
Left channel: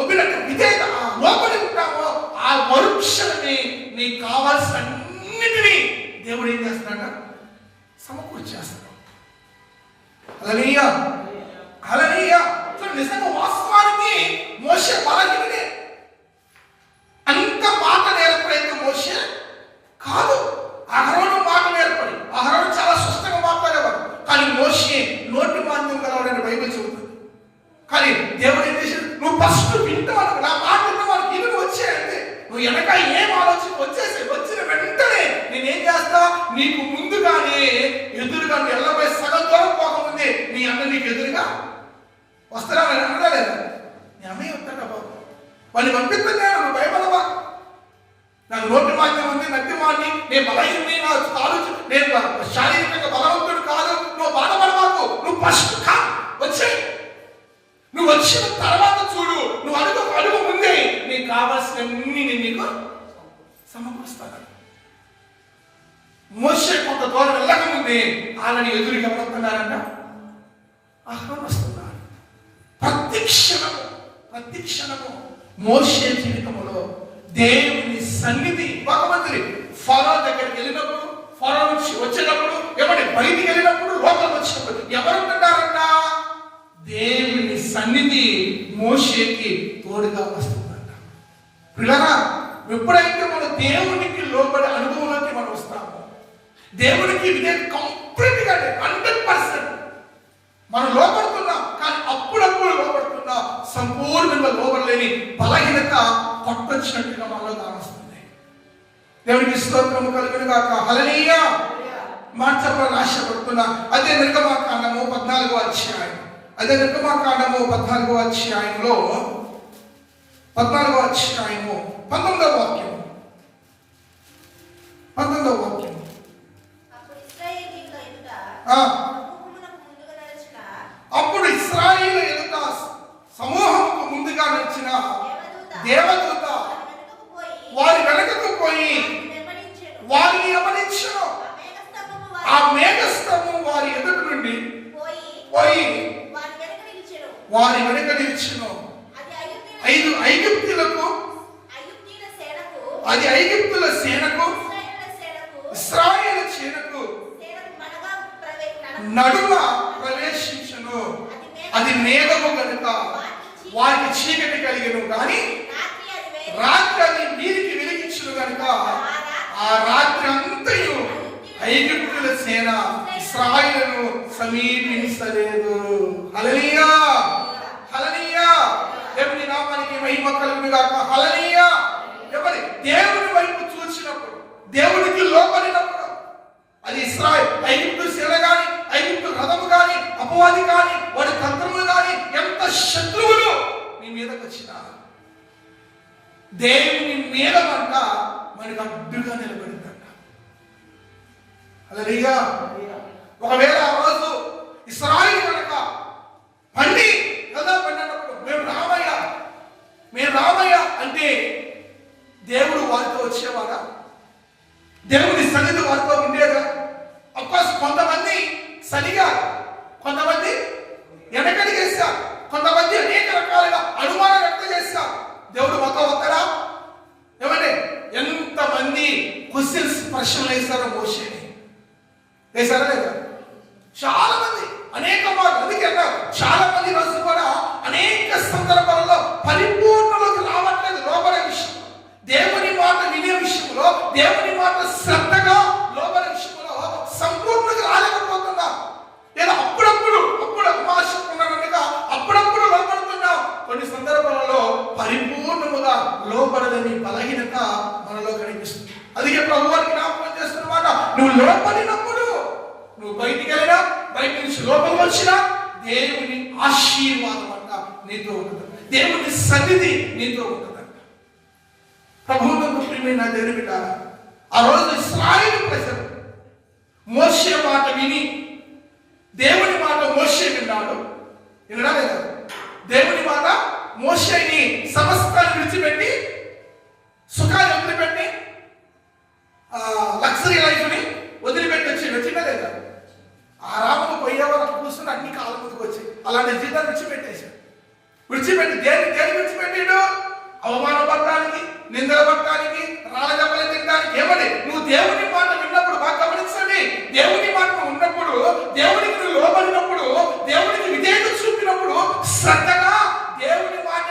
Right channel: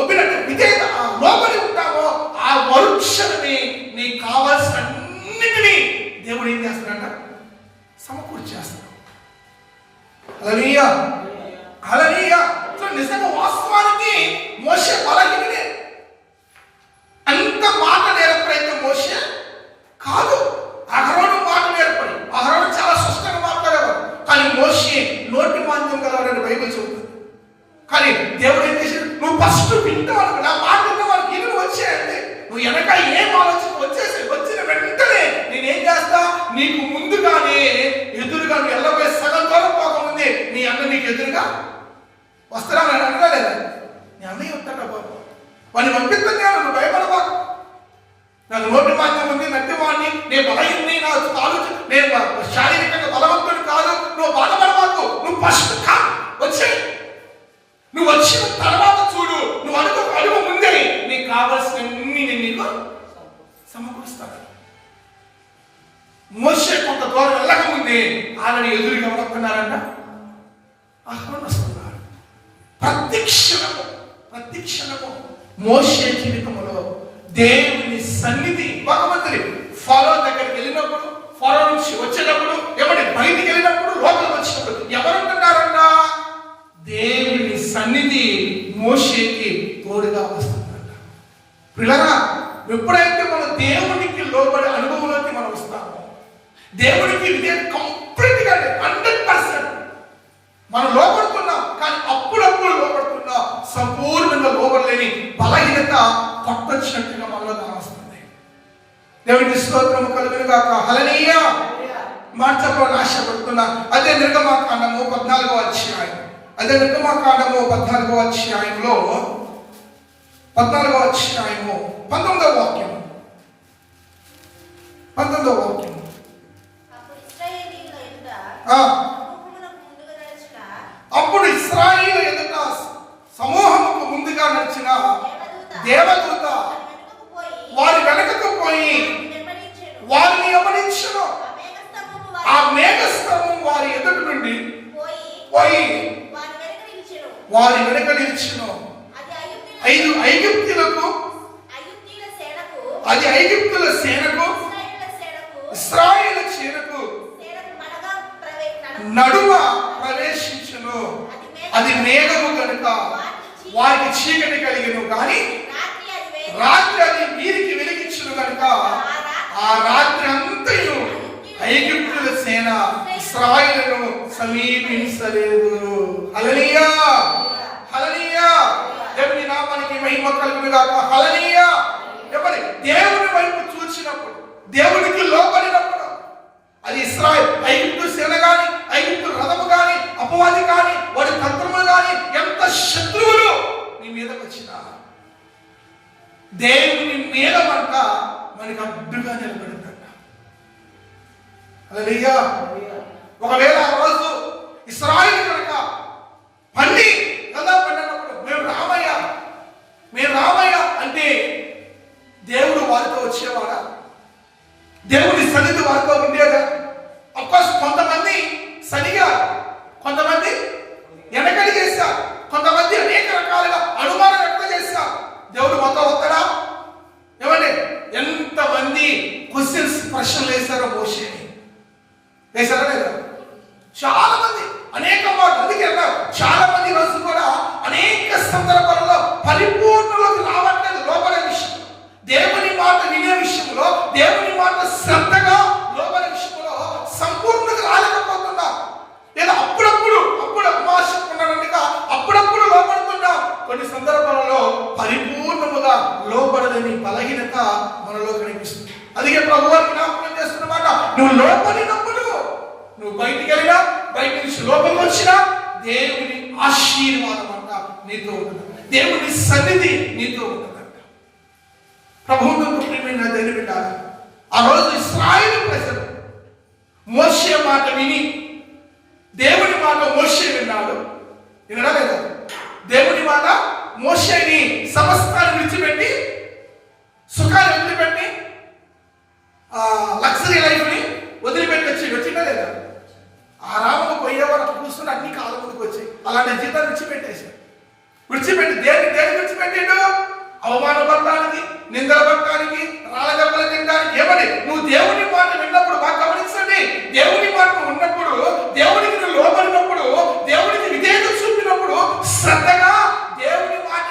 ఒప్పినట్టు విధేయత లోపలి ఉంటామో, ఆ మరుక్షణమే నీకు కావాల్సిన అన్నిటినీ దేవుడు ఏం చేస్తాడంట? సమకూర్చేస్తాడు. హల్లెలూయా, హల్లెలూయా. నిజంగా వాస్తవానికి మోషే బలహీనుడే. అంత మాట నేర్పడైతే మోషే కాదు. అహరోను మాట నేర్పడి, అహరోను చాలా స్పష్టంగా మాట్లాడేవాడు, కానీ మోషే నోటి మాంద్యం గలవాడని బైబిల్ చెబుతుంది. కానీ దేవుడు ఏం చేశాడు? నువ్వు ఫస్ట్ వింటావు, నా మాట విన్నవాడికి ఇల్లు వచ్చేయండి, నువ్వు వెనక ఏం ఆలోచన వచ్చిన వెంటనే నేనేం చేస్తా? నీకు ముందుగానే ఎదురుగా నువ్వు ఎల్లబోయే సగం దూరం పోకముందే నీ అన్న నీకు ఎదురుగా వస్తారా? నేను అనలేదా? నీ అన్నయ్య వస్తాడా బాబు, వాడిని పంపిస్తున్నాను, నువ్వు భయపడవా? నాకు నోటి మాంద్యం ఉంది, నట్టివాడిని, నేను బలహీనని, నా ఆలోచన, నేను శారీరకంగా బలవంతుడు కాదు, నువ్వు బాధపడవాకు. నువ్వు ఫస్ట్ వచ్చేయి, నువ్వు వచ్చిన తర్వాత చూడు, నువ్వు అడుగు ముందే నీకు కావాల్సినవన్నీ నేను నీకు సమకూరుస్తాను. మోషే కొంత దూరం వెళ్ళకముందే ఆల్రెడీ ఎదురుగా వస్తున్నారంట, ఆహ్వానిస్తున్నారు. ప్రతి క్షణము మోషే జీవితంలో దేవుని సన్నిధి. భగవంతుడి ఫరో దగ్గరికి వెళ్ళినప్పుడు, ఫరో నుంచి వచ్చేటప్పుడు, బయటికి వెళ్ళినప్పుడు, లోపలికి వచ్చినప్పుడు ఎవరుంటున్నారంట? దేవుని సన్నిధి మోషేకి తోడుగా వస్తుందంట. పిల్లరా, ఎప్పుడైతే మనం దేవునికి లోబడే అనుభవంలోకి మనం వస్తామో, దేవునికి ఇదే కంప్లీట్ గా 100% మనం లోపడుతున్నాం. కానీ అప్పుడప్పుడు లోపడుతున్నాం, సంపూర్ణంగా లోపడలేని బలహీనత కొట్టొచ్చినట్టుగా మనలో కావస్తుంది. దేవునికి స్తోత్రము కలుగును గాక. హల్లెలూయా. మాట చెప్పాలని ఆశపడుతున్నా. అదే నిర్గమకాండము 14వ అధ్యాయం, 14వ అధ్యాయంలో 19వ వాక్యం. అప్పుడు ఇశ్రాయేలీయుల సమూహమునకు ముందుగా నడిచిన అప్పుడు ఇశ్రాయేలు ఎదుట సమూహముకు ముందుగా నడిచిన దేవదూత వారి వెనుకకు పోయి వారిని గమనించును. ఆ మేఘస్తంభం వారి ఎదుట నుండి పోయి వారి వెనుక నిలిచెను. అది ఐగుప్తుల సేనకు ఇశ్రాయేలు సేనకు నడుమ ప్రవేశించును. అది మేఘము కనుక వారికి చీకటి కలిగను, కానీ రాత్రి అది వీరికి వెలిగించును కనుక ఆ రాత్రి అంతయు ఐగుప్తుల సేన ఇశ్రాయేలును సమీపించలేదు. హల్లెలూయా, హల్లెలూయా. దేవుని నామానికి మహిమ కలుగును గాక. హల్లెలూయా. ఎవరి దేవుని వైపు చూసినప్పుడు, దేవునికి లోబడినప్పుడు, అది ఇశ్రాయేలు ఐగుప్తు సేన గాని, ఐగుప్తు రథము గాని, అపవాది గాని, వాడి తంత్రములు గాని, ఎంత శత్రువులు నీ మీదకి వచ్చినా దేవుని మేడమంట మనకు అడ్డుగా నిలబడిందంట. హల్లెలూయా. ఒకవేళ ఆ రోజు ఇశ్రాయేలు కనుక పండి కదా పండినప్పుడు మేము రామయ్య అంటే దేవుడు వారితో వచ్చేవాడా? దేవుడి సన్నిధి వారితో ఉండేదా? అఫ్కోర్స్ కొంతమంది సరిగా, కొంతమంది వెనకడి చేశారు, కొంతమంది అనేక రకాలుగా అనుమానం వ్యక్తం చేశారు. దేవుడు మొత్తం వస్తాడా? ఏమండి, ఎంతమంది క్వశ్చన్స్ ప్రశ్నలు వేశారో మోషేని. వేశారా లేదా? చాలా మంది, అనేక మార్లు. అందుకే అన్నారు చాలా మంది రోజు కూడా అనేక సందర్భాలలో పరిపూర్ణలోకి రావట్లేదు. లోపల విషయం, దేవుని మాట వినే విషయంలో, దేవుని మాట శ్రద్ధగా లోపల విషయంలో సంపూర్ణంగా రాలేకపోతున్నారు. లేదా అప్పుడప్పుడు అమాశకున్నారంటగా అప్పుడప్పుడు లోపడుతున్నాం. కొన్ని సందర్భాలలో పరిపూర్ణముగా లోపడదని బలహీనత మనలో కనిపిస్తుంది. అందుకే ప్రభు వారికి జ్ఞాపకం చేస్తున్నమాట, నువ్వు లోపడినప్పుడు, నువ్వు బయటికి వెళ్ళినా, బయట నుంచి లోపలికి వచ్చినా దేవుని ఆశీర్వాదం అంట నీతో ఉంటుందంట. దేవుని సన్నిధి నీతో ఉంటుందంట. ప్రభువుకు ప్రియమైన దేవుని బిడ్డలారా, ఆ రోజు ఇశ్రాయేలు ప్రజలు మోషే మాట విని, దేవుని మాట మోషే విన్నాడు. వినడా లేదా? దేవుని మాట మోషేని సమస్తాన్ని విడిచిపెట్టి, సుఖాన్ని వదిలిపెట్టి, లగ్జరీ లైఫ్ ని వదిలిపెట్టి వచ్చిందా లేదా? ఆరాముకు పోయేవారు అక్కడ కూర్చుని అన్ని కాళ్ళ ముందుకు వచ్చాయి. అలాంటి జీతాలు విడిచిపెట్టి దేనికి విడిచిపెట్టిండు? అవమానపడటానికి, నిందలపడటానికి, రాళ్ళదెబ్బలు తినడానికి. ఏమని? నువ్వు దేవుని మాట విన్నప్పుడు, బాగా గమనించండి, దేవుని మాట ఉన్నప్పుడు, దేవునికి నువ్వు లోబడినప్పుడు, దేవునికి విధేయత చూపినప్పుడు, శ్రద్ధగా దేవుని మాట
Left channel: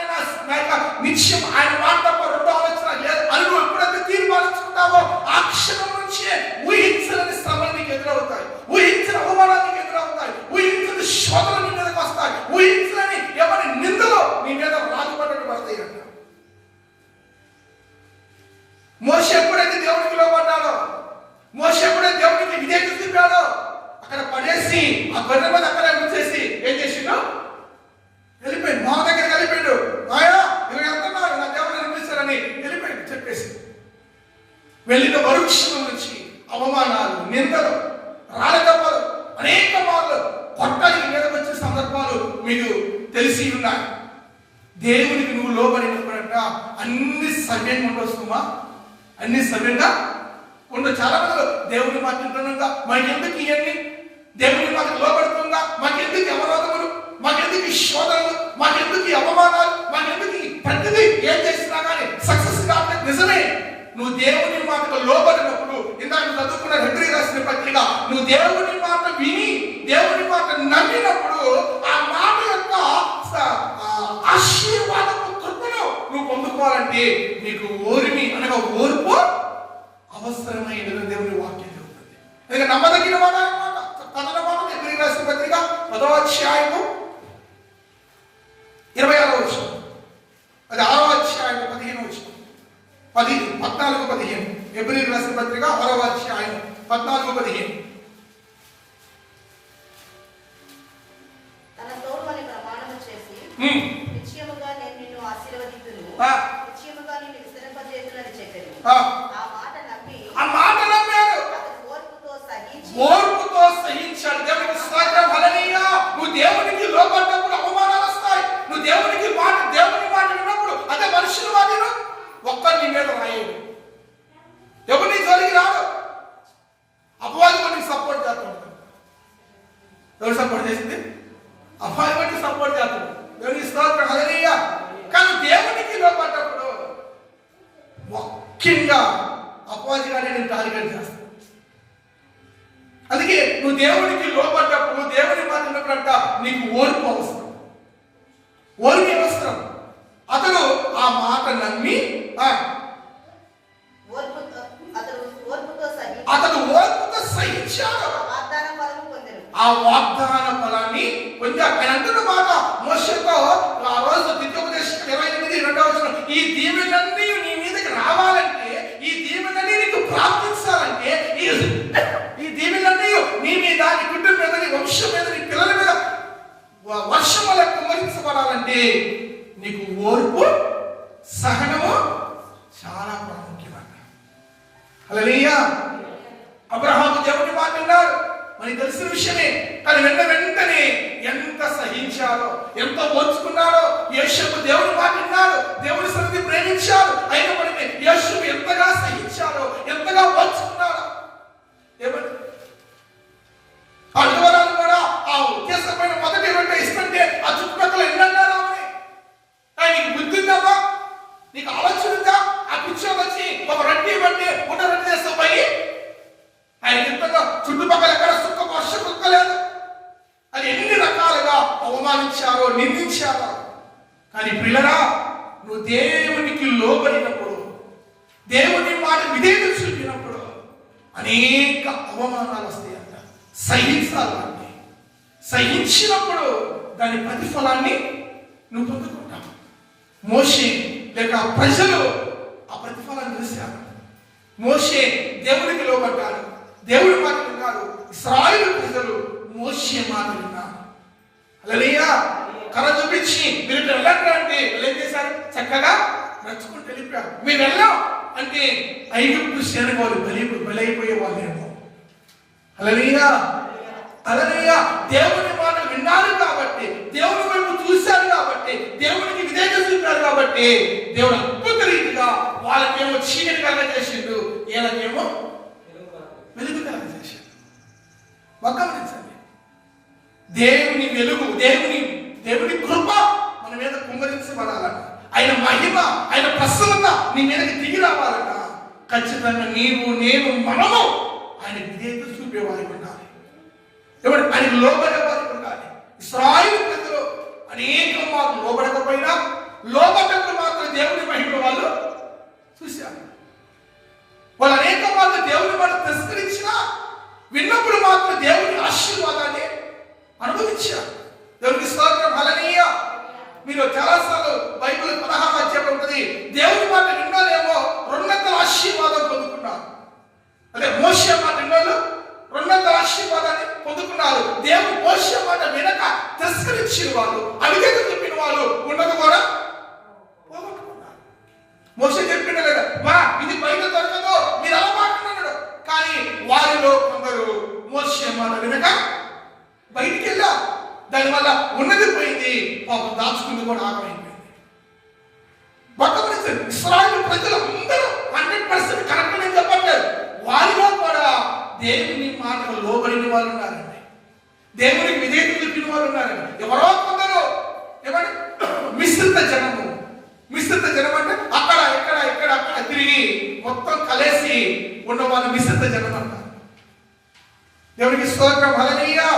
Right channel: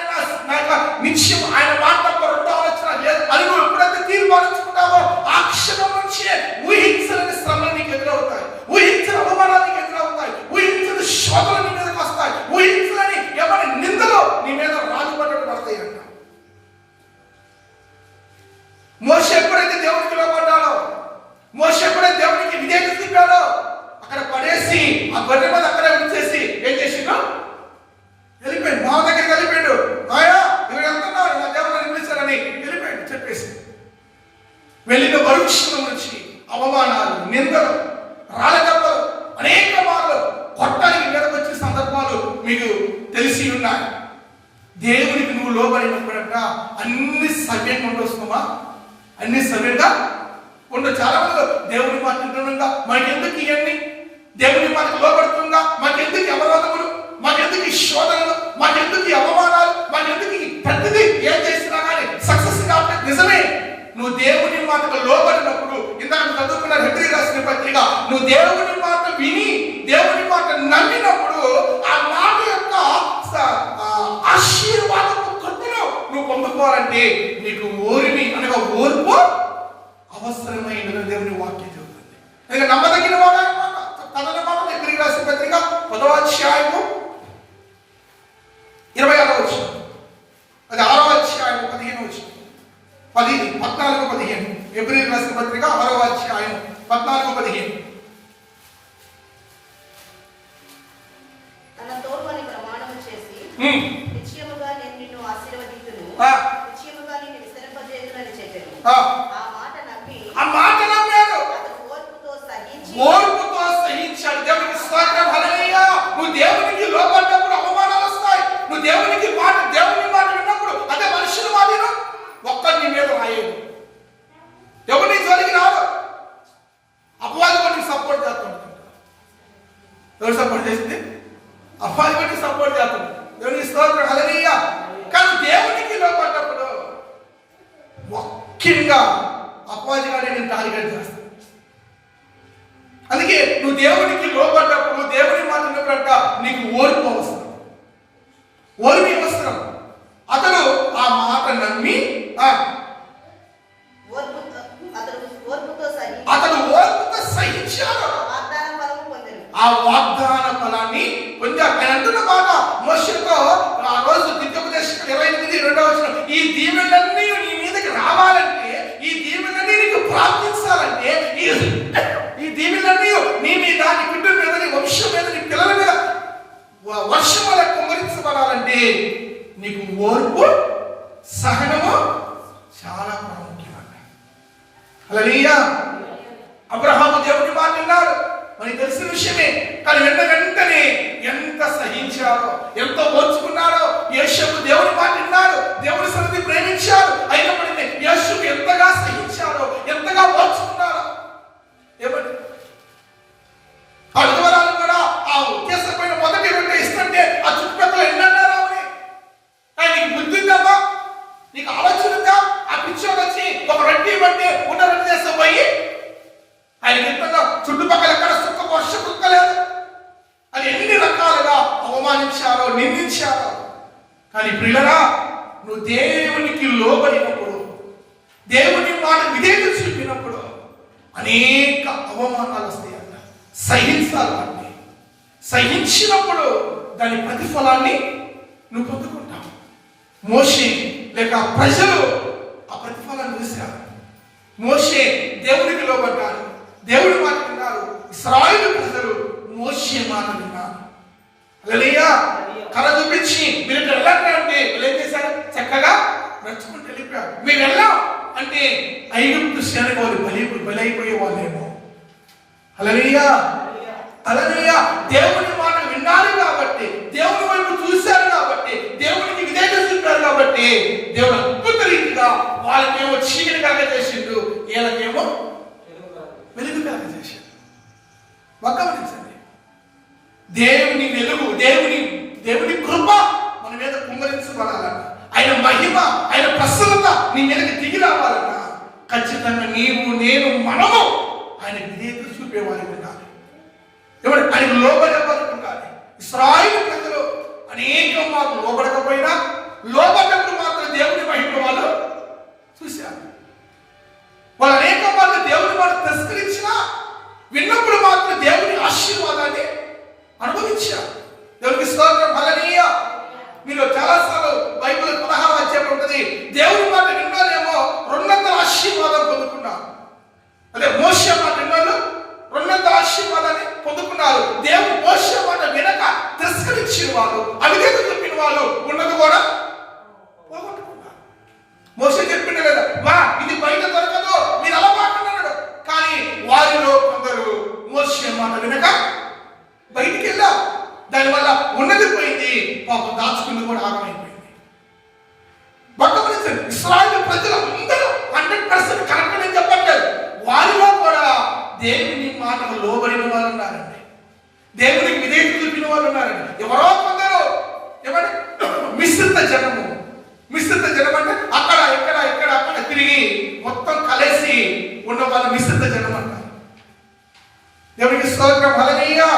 నిత్యం ఆయన మాట తప్ప రెండో ఆలోచన లేదు అని నువ్వు ఎప్పుడైతే తీర్మానించుకుంటావో, ఆ క్షణం నుంచే ఊహించలేని శ్రమలు నీకు ఎదురవుతాయి, ఊహించిన అవమానాలు నీకు ఎదురవుతాయి, ఊహించిన శోధనలు నీ మీదకి వస్తాయి, ఊహించలేని ఏమని నిందలు నీ మీద రాజుపడ్డట్టు పడతాయి అంట. మోషే ఎప్పుడైతే దేవునికి లోబడ్డాడో, మోషే ఎప్పుడైతే దేవునికి విధేయత చూపాడో, అక్కడ పడేసి ఆ గొర్రె మీద అక్కడ విడిచేసి ఏం చేసిండు? వెళ్ళిపోయాడు. మా దగ్గరికి వెళ్ళిపోయాడు. నాయా నువ్వు వెళ్తున్నావు, నా దేవుడు నిర్మించాలని వెళ్ళిపోయాడు. చెప్పేసి వెళ్ళిన మరుక్షణం నుంచి అవమానాలు, నిందలు, రాళ్ళదెబ్బలు, అనేక మార్లు కొట్టానికి మీదకి వచ్చిన సందర్భాలు మీకు తెలిసి ఉన్నాయి. దేవునికి నువ్వు లోబడినప్పుడంట అన్ని సవ్యంగా ఉండొస్తుందా? అన్ని సవ్యంగా ఉండదు. చాలా మంది దేవుని మాట వింటుండగా మాకెందుకు ఇవన్నీ, దేవుని మాటకు లోబడుతుందా, మాకెందుకు అవరోధములు, మాకెందుకు ఈ శోధనలు, మాకెందుకు ఈ అవమానాలు, మాకెందుకు ఈ ప్రతిదీ ఏం చేసినా కానీ సక్సెస్ కావట్లేదు. నిజమే, నువ్వు దేవుని మాటకు లోబడినప్పుడు, ఇందాక చదువుకున్న హెబ్రీ రాసిన పత్రిక, నువ్వు దేవుని మాట విని, దేవుని మాట నమ్మినప్పుడు, ఆ మాట యొక్క ఆశీర్వాదపు కృపను నువ్వు పొందుకోవాలంటే నీకు ఓర్మి అనగా ఓర్పు అవసరమైన దేవుని వాక్యం చెబుతుంది. అందుకే నమ్మదగిన మాట కథన మాట హెబ్రీ రాసిన పత్రిక 10వ అధ్యాయము 26వ వచనం, అది 6వ అధ్యాయం 15వ వచనం, 14-15. హెబ్రీ రాసిన పత్రిక 6వ అధ్యాయం 14-15. తన తోడు అని ప్రమాణము చేసి నిశ్చయముగా నేను నిన్ను ఆశీర్వదించును, నిశ్చయముగా నిన్ను విస్తరింపజేయునని చెప్పెను. ఆ మాట నమ్మి ఆ మాట నమ్మాడు, ఓర్పుతో సహించి ఓర్పుతో సహించాడు. మనుషుల మాటను ఒక్కరి నీ మీద రాయేడు. ఎవరిని జోలికి రాడు. అపవాది వాడికి సపోర్ట్ చేస్తుంటాడు. ఎవరు సపోర్ట్ చేసింది? అపవాది వాడికి సపోర్ట్ చేస్తాడు. దేవునికి స్తోత్రం, హల్లెలూయా. కానీ దేవునికి లోపడ్డప్పుడు ముఖ్యంగా అపవాది గారిని నేను టార్గెట్ చేస్తాను. అందుకే నువ్వు దేవునికి లోపడ్డప్పుడు, దేవుని మాట విన్నప్పుడంట నీకు ఓర్పు అవసరం, ఓర్మి అవసరం. అతను ఆ మాట నమ్మి అతడు ఓర్పుతో సహించాడు. ఆ వాగ్దాన ఫలాన్ని పొందాడు. ఆయన అంటున్న మాట మోషేతో ఆ రోజు ద్వితీయోపదేశం 28:2 ఈ దీవెనలన్నీ నీ మీదకి రావాలంటే, ఈ దీవెనలన్నీ నీకు ప్రార్థించాలంటే, ఈ దీవెనలన్నీ నీ మీద, నీ కుటుంబం మీద, నీ వంశం మీద, నీ పిల్లల మీద వర్షం వల్ల కుమ్మరించబడాలంటే నీకు ఓర్పు, సహనము చాలా ప్రాముఖ్యమైన. హల్లెలూయా. అబ్రహాము దేవుని మాట విన్నాడు, మనకి తెలిసిన విషయమే. కానీ వెంటనే ఎంత సహించాడో, ఎంత ఓర్చుకున్నాడో. యేషపు దేవుని మాట విన్నాడు, దేవుని సన్నిధి ప్రేమించాడు. అయినప్పటికీ యేషపు ఎంతగా సహించాడో, ఎంతగా ఓర్చుకున్నాడో. ఏమంటే ఆ విధవరాలు కూడా ఆ ఉద్దేశమైన మొదటి రెండు ఇస్తుంటే ఆ చుట్టుపక్కల ఎన్నన్నారు ఆమె, నీకు బుద్ధి ఉందమ్మా, నీకు ఆలోచన ఉందా? ఆ పిచ్చోడు వచ్చి ఒక రొట్టి ఇవ్వండి, ఉన్న రొట్టి చేస్తా పోయి ఆయన ఎంతగా చుట్టుపక్కల ఎక్కడ సుక్క వర్ష కుక్కలేదు. అది ఎన్ని రకాలుగా అవమానించారో, నిందించారో. కానీ ప్రియులరా, నువ్వు దేవునికి లోబడినప్పుడు, దేవుని మాట విధేయత చూపినప్పుడు అనేక అవమానాలు వస్తాయంట. సహించాలి వాటిని. సహించినప్పుడు దాని ప్రతిఫలాన్ని నువ్వు పొందుకుంటావు. మోషే లేక ప్రజలు ఆ ప్రతిఫలాన్ని చూశారు. మోషే దేవునికి లోబడ్డాడు, దేవుడి మాట విన్నారు. ఇశ్రాయేలు ప్రజలు మోషే మాట విన్నారు. హల్లెలూయా. కళ చూపించి మీరు వెళ్ళండి అంటే వీళ్ళు ఏం చేశారు? చక్కగా నడుచుకుంటూ వెళ్ళిపోయారు. మీరు వెళ్ళాం అంటే ఐగుప్తు సేనగోలు బలైపోయే వాళ్ళేమో. హల్లెలూయా, హల్లెలూయా. దేవుని మాట విన్నారు కాబట్టి, దేవుని వైపు చూశారు కాబట్టి, దేవునికి విధేయత చూపారు కాబట్టి దేవుడు అద్భుత రీతిగా వాళ్ళకేమో చీకటి కలగజేసిండు, వీళ్ళకేమో వెలుగు కలగజేసిండు. గమనించండి, దేవుని వెలుగు, దేవుని కృప మన మీద కుమ్మరించబడాలన్న, ఆయన మహిమ, ఆయన ప్రసన్నత నీ మీదకి దిగి రావాలన్న ఖచ్చితంగా నీవు, నేను, మనము ఆయన విధేయత చూపేవారికి ఉండాలి. ఎవరు ఆయనకు లోబడే వారికి ఉండాలి. ఇశ్రాయేలు ప్రజలు అనేక మార్లు లోబడకపోయినా, లోబడ్డప్పుడు మాత్రం దేవుని మహిమ వాళ్ళు చూశారు. వాళ్ళు అనేక మార్లు దేవుని మాట తిరస్కరించినా, విన్నప్పుడు మాత్రం దేవుని ఆశీర్వాదాన్ని అనుభవించారు. దేవునికి స్తోత్రం, హల్లెలూయా. మీరు చాలాసార్లు బైబిల్ 16వ అధ్యాయం ఉంటుంది, దేవుని మాట విన్నాలేమో రెండంతల ఆశీర్వాదం పొందుకున్నారు. అదే మోషే మాట విన్నాళ్ళు రెండంతల ఆశీర్వాదాన్ని పొందుకున్నారు. దేవుడు మోషే మాట వినక తిరస్కరించిన వాళ్ళు, అవిధేయత చెప్పిన వాళ్ళు ఉన్నది కూడా పోగొట్టుకున్నారు. మోషే చెప్పిండ లేదా, మా ఇది బయట దొరకదు, మీరు అలా మాట్లాడి అన్నాడు. కానీ వారిలో కొందరు మోషే మాట వినక బయటికి వెళ్ళారు. దానివల్ల ఉన్నది పోయింది, పాపం దాచుకుంది కూడా ఆగమైపోయింది. భగవంతుడు ఇశ్రాయేలు ప్రజలు అందరూ 100% కరెక్ట్ అని చెప్పట్లేదు. వారిలో కూడా దేవుని మాటకు లోబడిన వాళ్ళు ఉన్నారండి, దేవునికి విధేయత చూపిన వాళ్ళు ఉన్నారండి. ఎవరో కొందరు ఏమంటే మిశ్రిత జనము. మిశ్రిత జనం అంటే అక్కడ అక్కడ తిరిగి మొత్తం కలిసి ఉన్న వాళ్ళు మిశ్రిత జనం అంటారు. దేవునికి స్తోత్రం, హల్లెలూయా,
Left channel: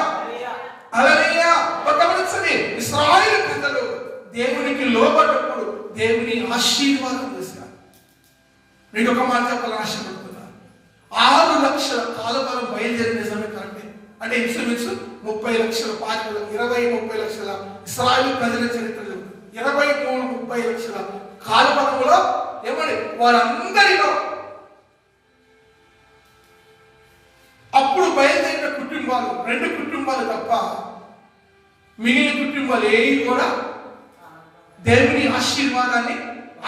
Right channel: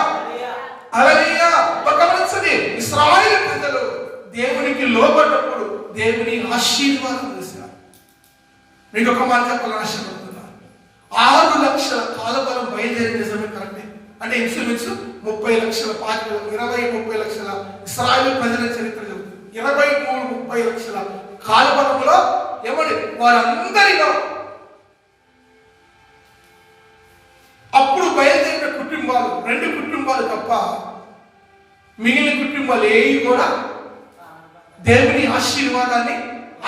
హల్లెలూయా. గమనించండి, ఇశ్రాయేలు ప్రజలు దేవునికి లోబడ్డప్పుడు దేవుని ఆశీర్వాదం చేశారు. మీకు ఒక మాట చెప్పాలని ఆశపడుతున్నాను. 6 లక్షల కాలబలం బయలుదేరిన నిజమే కరెక్టే. అంటే ఇంచుమించు 30 లక్షల 20-30 లక్షల ఇశ్రాయేలు ప్రజల చరిత్ర చెబుతుంది. 23-30 లక్షల కాలబలంలో ఏమండి వారందరిలో అప్పుడు బయలుదేరిన కుటుంబాలు 2 కుటుంబాలు తప్ప మిగిలిన కుటుంబాలు ఏవి కూడా దేవుని ఆశీర్వాదాన్ని,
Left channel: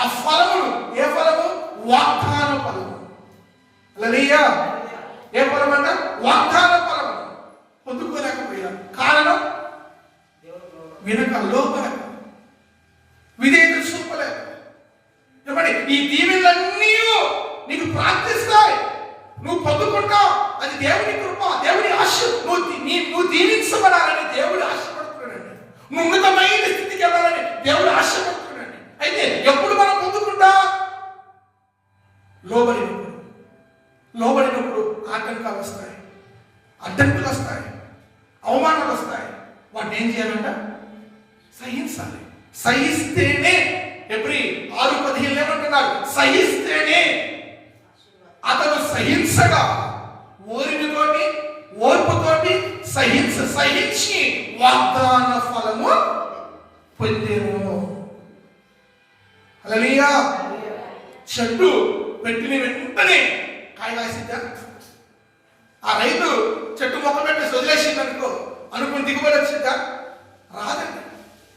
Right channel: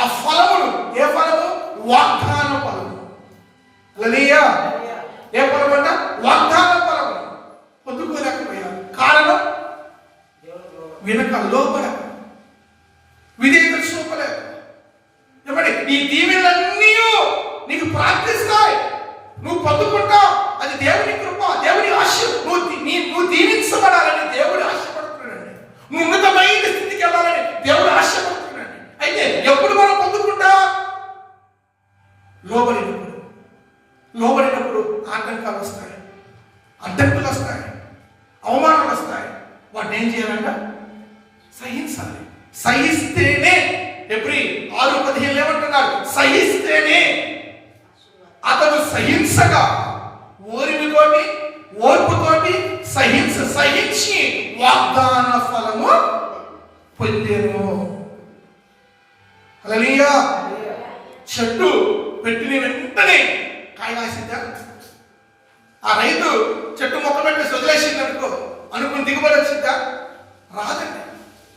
ఆ ఫలములు, ఏ ఫలము? వాగ్దాన ఫలము. హల్లెలూయా. ఏ ఫలం అంట? వాగ్దాన ఫలము పొందుకోలేకపోయారు. కారణం వినక, లోబడక, విధేయత చూపలేక. లోబడినప్పుడు ఆటంకాలు వస్తాయి, అడ్డంకులు వస్తాయి, అవమానాలు వస్తాయి. వాటిని ఏం చేయాలంట? సహించాలి. సహిస్తేనే, ఎబ్రీ 6:15 ఏమంటున్నారు? సహిస్తేనే. అతను సహించగా ఓర్పుతోటి సహించి వాగ్దాన ఫలము పొందేను. హల్లెలూయా. చెట్టు పెట్టిన వెంటనే కాయ కాసిందా? ఆ రైతు చెట్టు మొక్క పెట్టేసి వదిలేసింది అనుకుని దిగుబడి వచ్చిందా? రాదండి.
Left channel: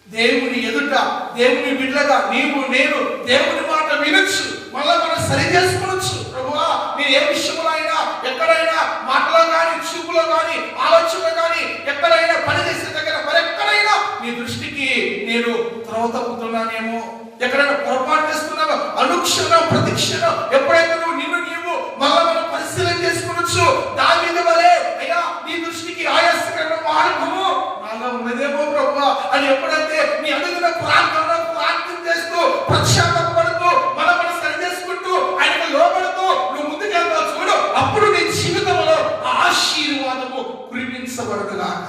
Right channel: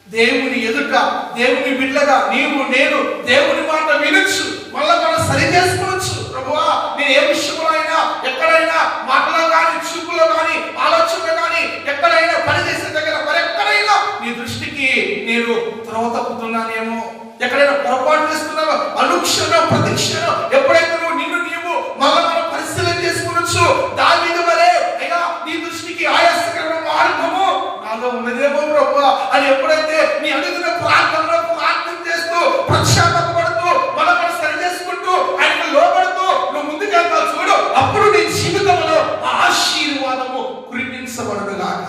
దేవుని ఎదుట, దేవుని బిడ్డగా నీవు నేను దేవుని మాట వినొచ్చు, మళ్ళా మనం సరి చేసుకునొచ్చు. ప్రభువా, నేను ఏ విషయంలో అయినా, ఎక్కడైనా, మాటలో కానీ, చూపులో కానీ, ఆలోచనలో కానీ, ఎక్కడైనా పనిచేసే దగ్గర మరెక్కడైనా నీ దృష్టికి నేను త్రోవ తప్పుతున్నానేమో, ఎక్కడైనా పొరపాటు చేస్తున్నావో, అనుక్షణం ప్రతిక్షణం ఎప్పుడైతే నువ్వు నీవు మళ్ళా మనం పరిశీలన చేసుకునొచ్చు. దావీదు వలె, అయ్యా నీ దృష్టికి ఆయాసకరమైన మార్గము నాలో ఉన్నదేమో ప్రభువా అని ఎప్పుడైతే నీ అడుగున ప్రార్థన చేస్తూ ప్రత్యాపడుతూ మనం సరి చేసుకుంటూ ఆయనకు లోబడుతూ నువ్వు ముందుకెళ్తావు చూడు, అప్పుడు నీ జీవితంలో ఆశీర్వాదము కురిపించబడుగాక.